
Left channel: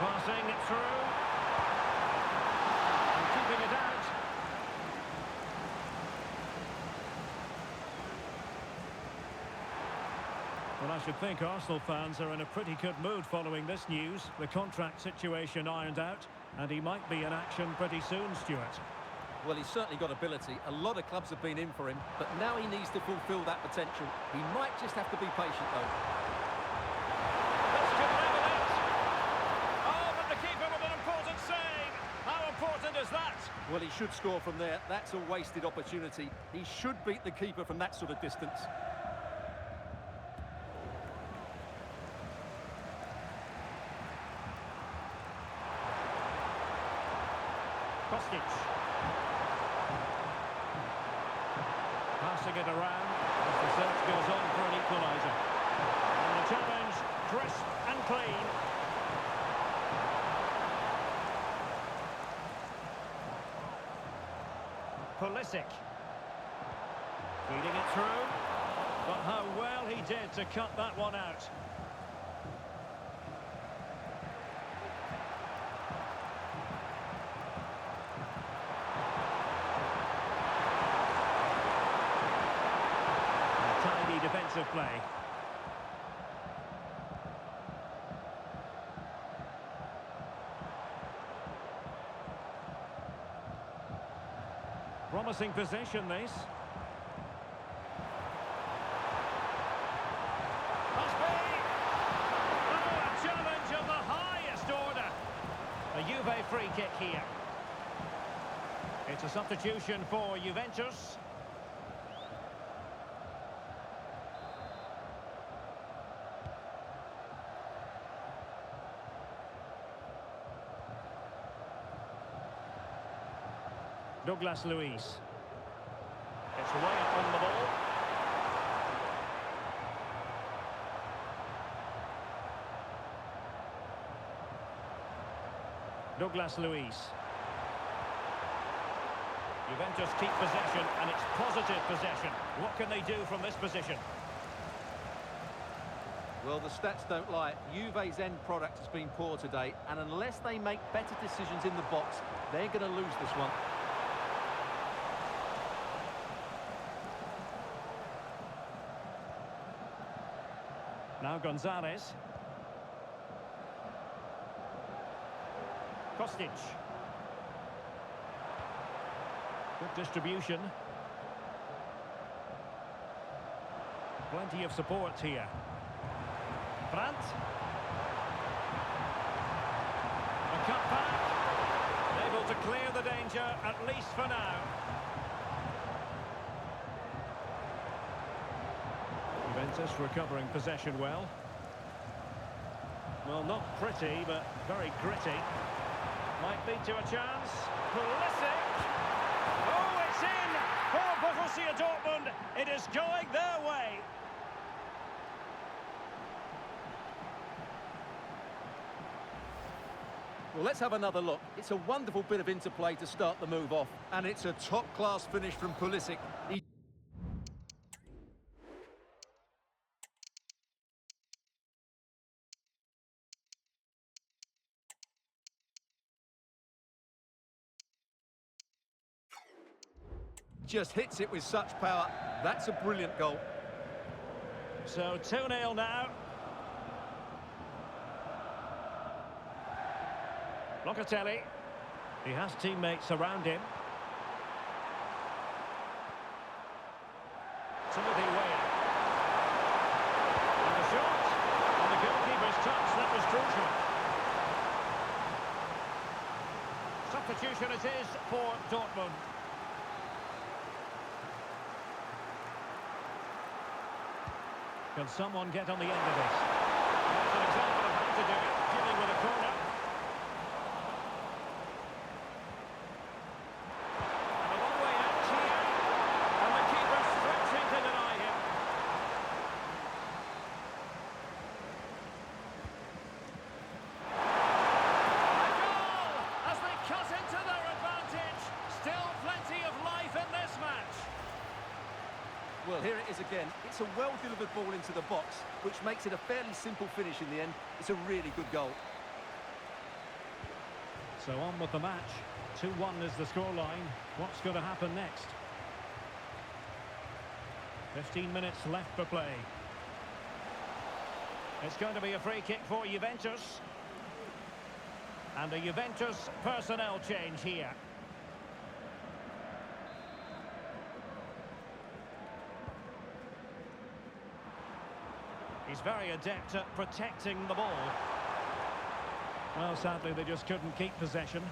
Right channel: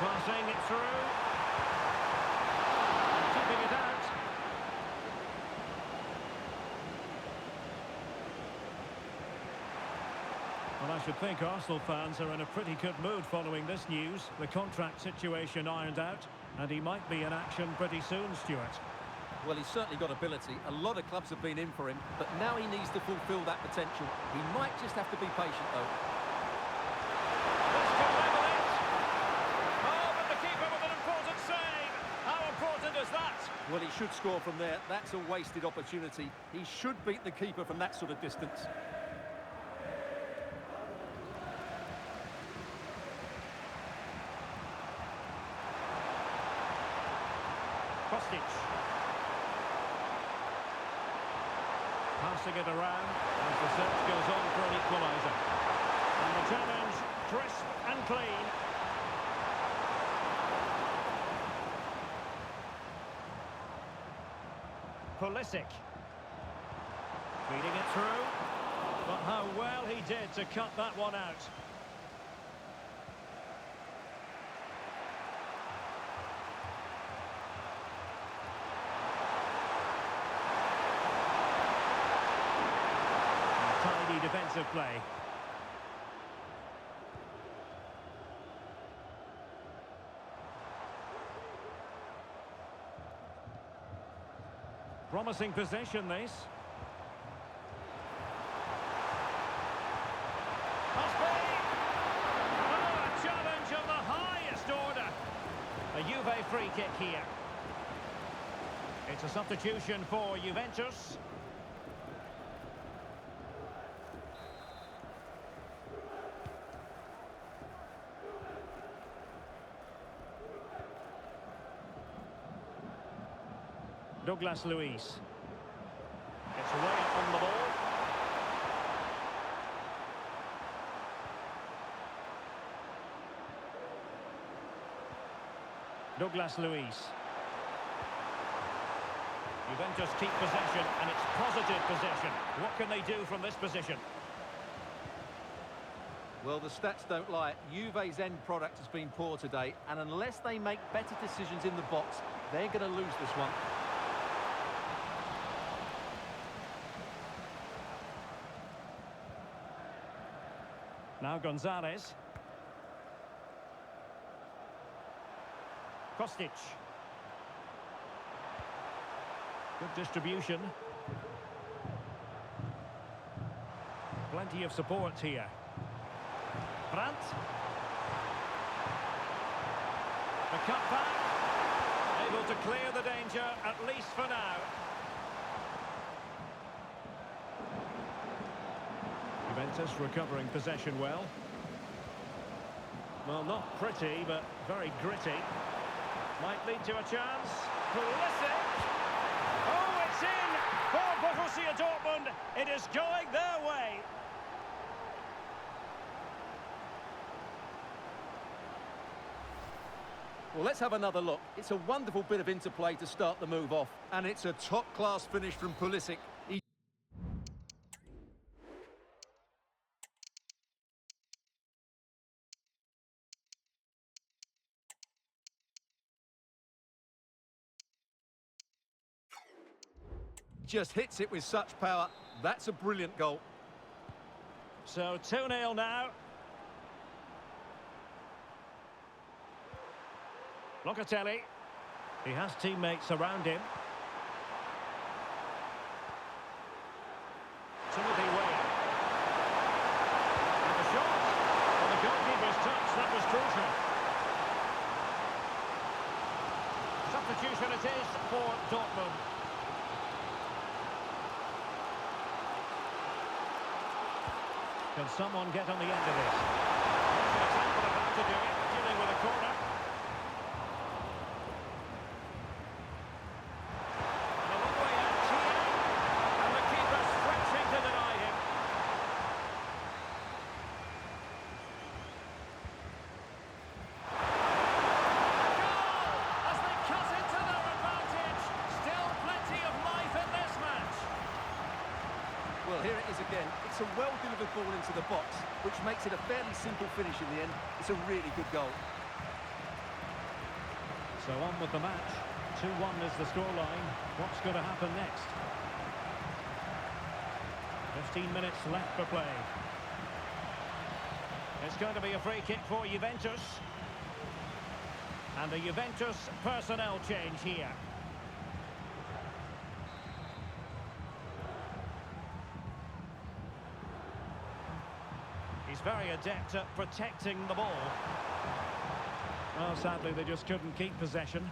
Passing it through and keeping it out. Well, I should think Arsenal fans are in a pretty good mood following this news. The contract situation ironed out, and he might be in action pretty soon, Stuart. Well, he's certainly got ability. A lot of clubs have been in for him, but now he needs to fulfil that potential. He might just have to be patient, though. This could level it. Oh, but the keeper with an important save. How important important as that? Well, he should score from there. That's a wasted opportunity. He should beat the keeper from that sort of distance. Kostic. Passing it around as the search goes on for an equaliser. And the challenge, crisp and clean. Pulisic. Feeding it through. But how well he did to cut that one out. Tidy defensive play. Promising possession, this. Must be! Oh, a challenge of the highest order. A Juve free kick here. It's a substitution for Juventus. Douglas Luiz. It's way up on the ball. Douglas Luiz. Juventus keep possession, and it's positive possession. What can they do from this position? Well, the stats don't lie. Juve's end product has been poor today, and unless they make better decisions in the box, they're going to lose this one. Now Gonzalez. Kostic. Good distribution. Plenty of support here. Brandt. The cut back. Able to clear the danger, at least for now. Juventus recovering possession well. Well, not pretty, but very gritty. Might lead to a chance. Pulisic! Oh, it's in for Borussia Dortmund. It is going their way. Well, let's have another look. It's a wonderful bit of interplay to start the move off. And it's a top-class finish from Pulisic. He just hits it with such power. That's a brilliant goal. So 2-0 now. Locatelli. He has teammates around him. Timothy Weah. And the shot. On the goalkeeper's touch, that was crucial. Substitution it is for Dortmund. Can someone get on the end of this? Here's an example of how to do it, dealing with a corner. And a long way out here. And the keeper stretching to deny him. A goal! As they cut into their advantage. Still plenty of life in this match. Well, here it is again. It's a well-delivered ball into the box, which makes it a fairly simple finish in the end. It's a really good goal. So on with the match. 2-1 is the scoreline. What's going to happen next? 15 minutes left for play. It's going to be a free kick for Juventus. And a Juventus personnel change here. He's very adept at protecting the ball. Well, sadly, they just couldn't keep possession.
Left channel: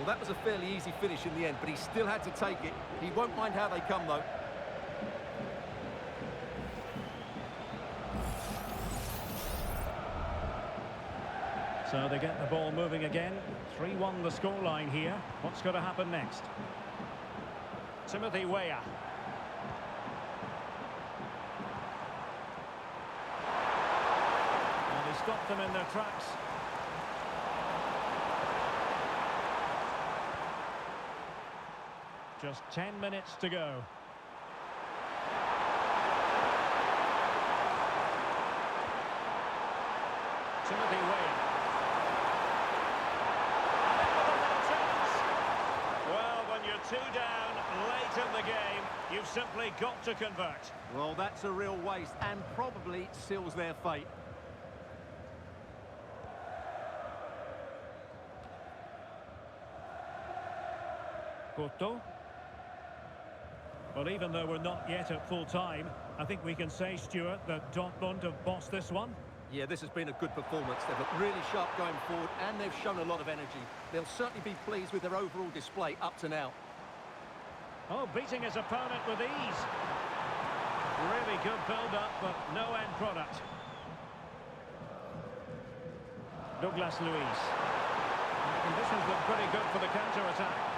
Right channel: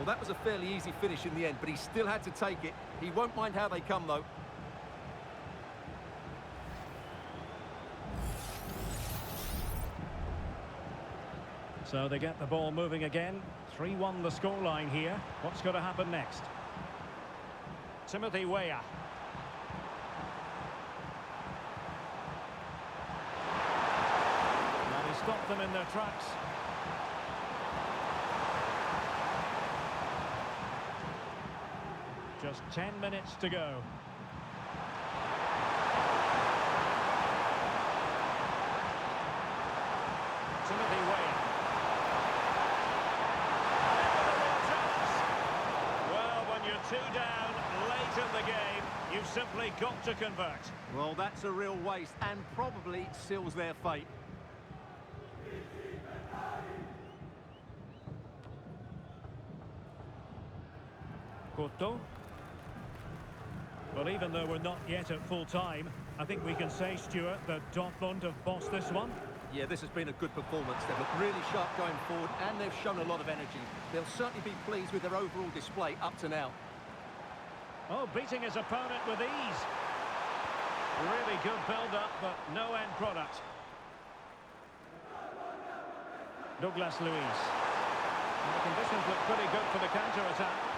Well, that was a fairly easy finish in the end, but he still had to take it. He won't mind how they come, though. So they get the ball moving again. 3-1 the scoreline here. What's going to happen next? Timothy Weah. And he stopped them in their tracks. Just 10 minutes to go. Timothy Weah. Well, when you're 2 down late in the game, you've simply got to convert. Well, that's a real waste and probably seals their fate. Couto. Well, even though we're not yet at full time, I think we can say, Stuart, that Dortmund have bossed this one. Yeah, this has been a good performance. They've looked really sharp going forward and they've shown a lot of energy. They'll certainly be pleased with their overall display up to now. Oh, beating his opponent with ease. Really good build-up, but no end product. Douglas Luiz. And the conditions look pretty good for the counter-attack.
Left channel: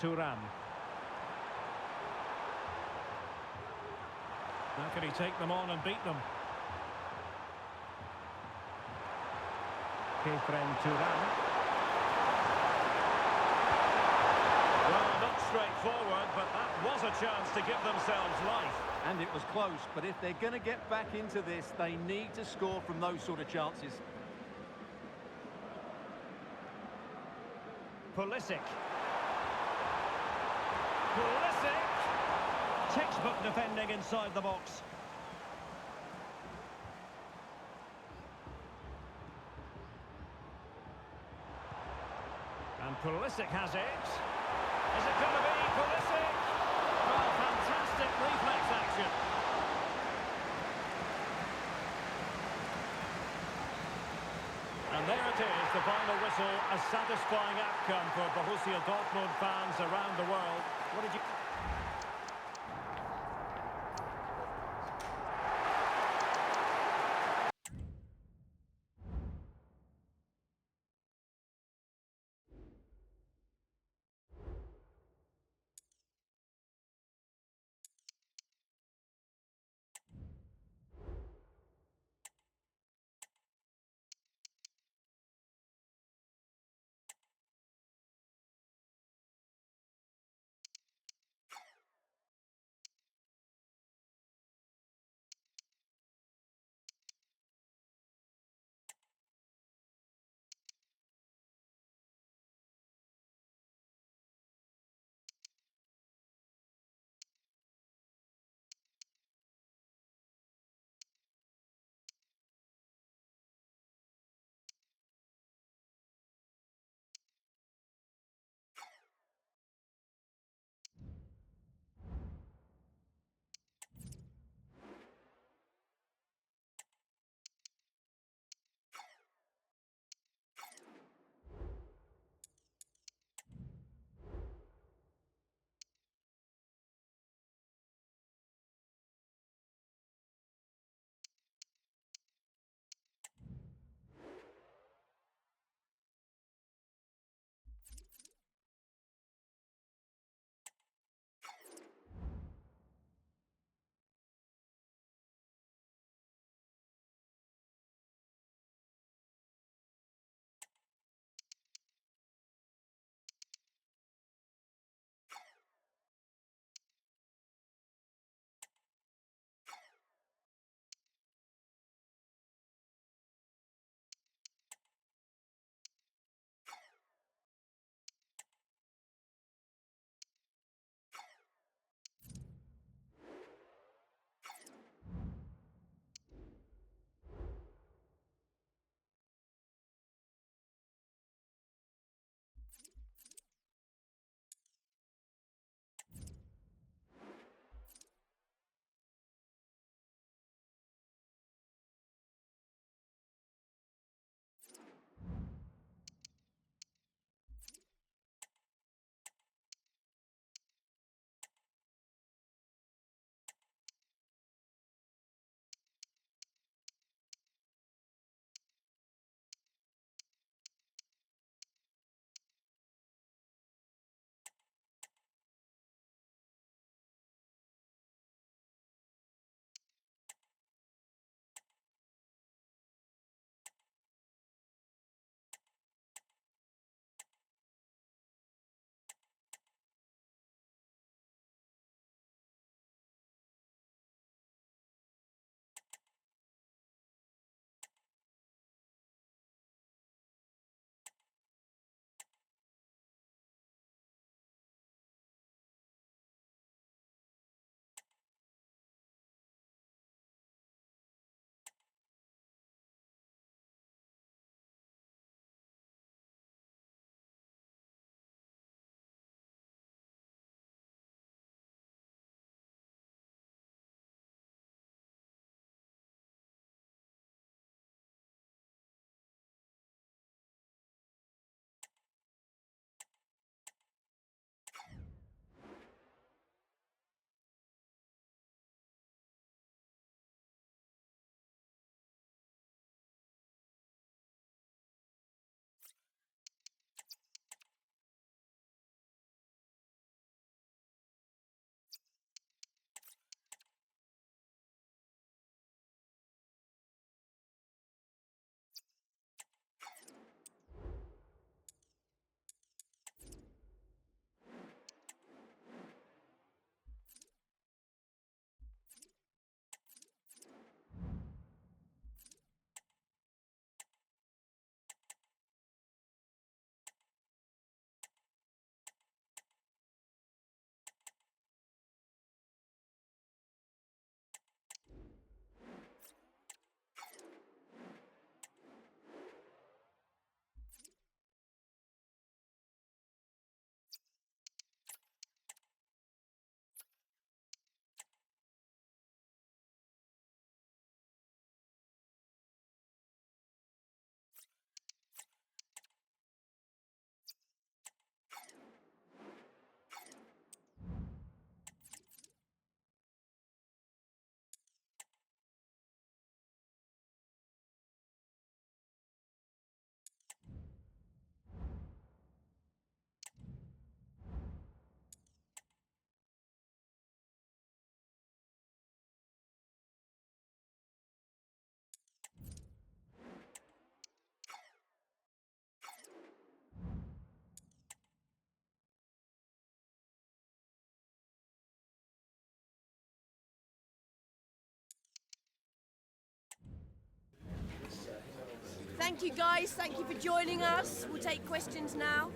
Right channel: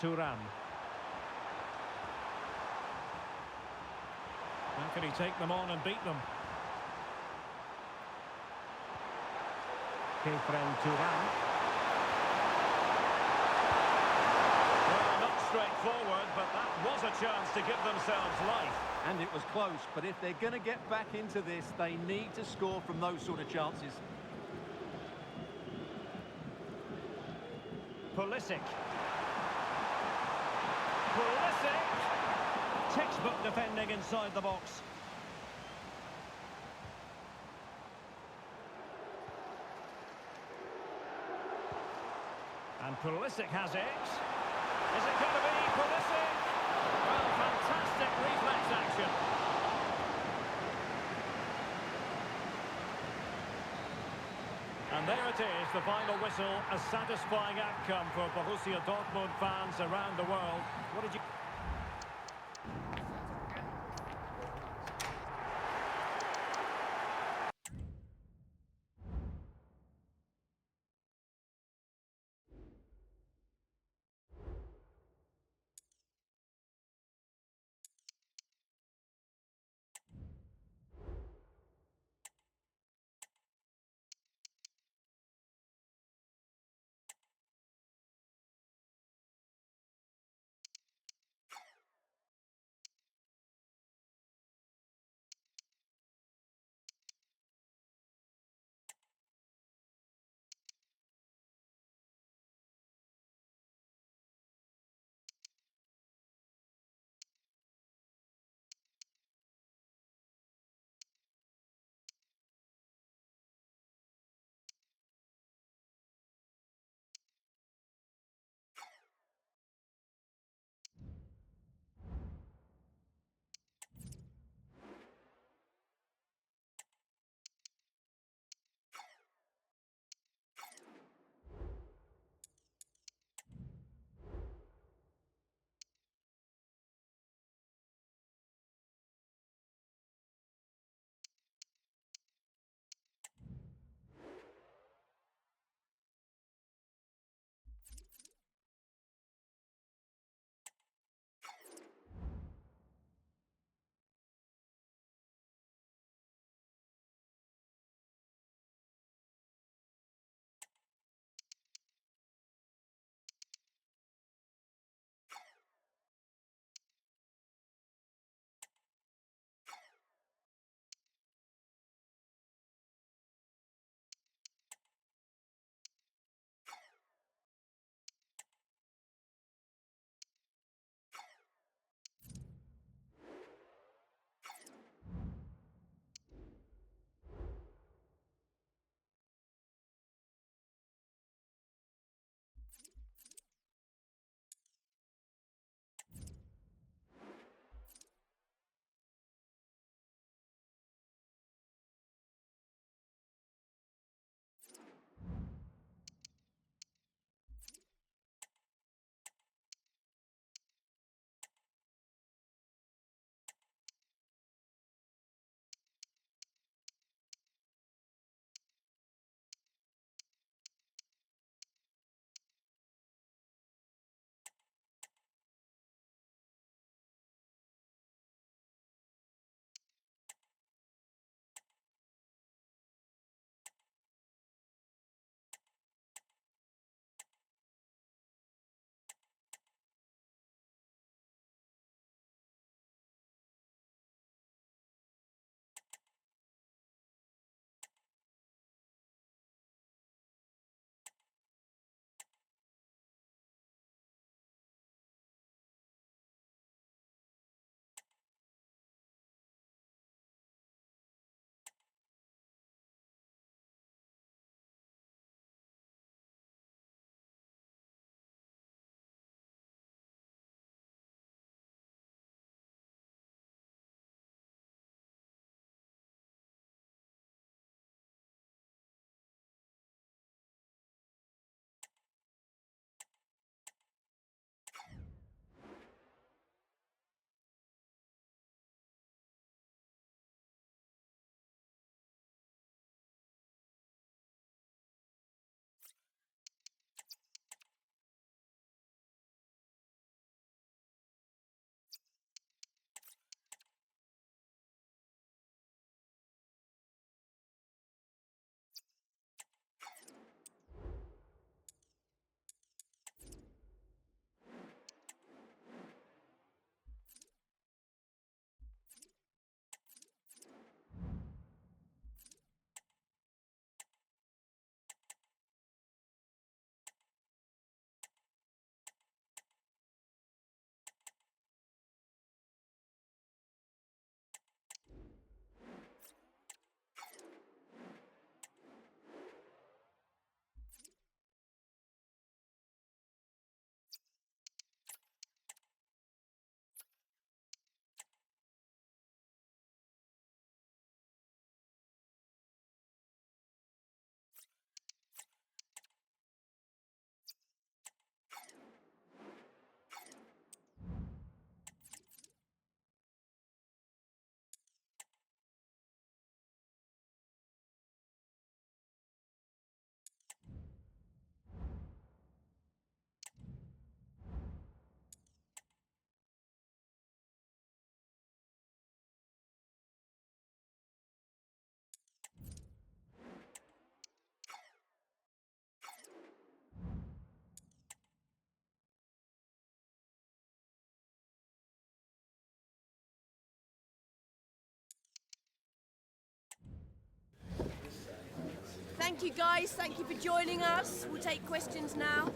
Thuram. How can he take them on and beat them? Kefren Thuram. Well, not straightforward, but that was a chance to give themselves life. And it was close, but if they're going to get back into this, they need to score from those sort of chances. Pulisic. Pulisic! Textbook defending inside the box. And Pulisic has it. Is it going to be Pulisic? Well, fantastic reflex action. And there it is, the final whistle, a satisfying outcome for Borussia Dortmund fans around the world. What did you... Thank you, guys. Thank you for joining us. We'll take questions now.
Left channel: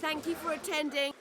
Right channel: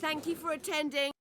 Thank you for attending.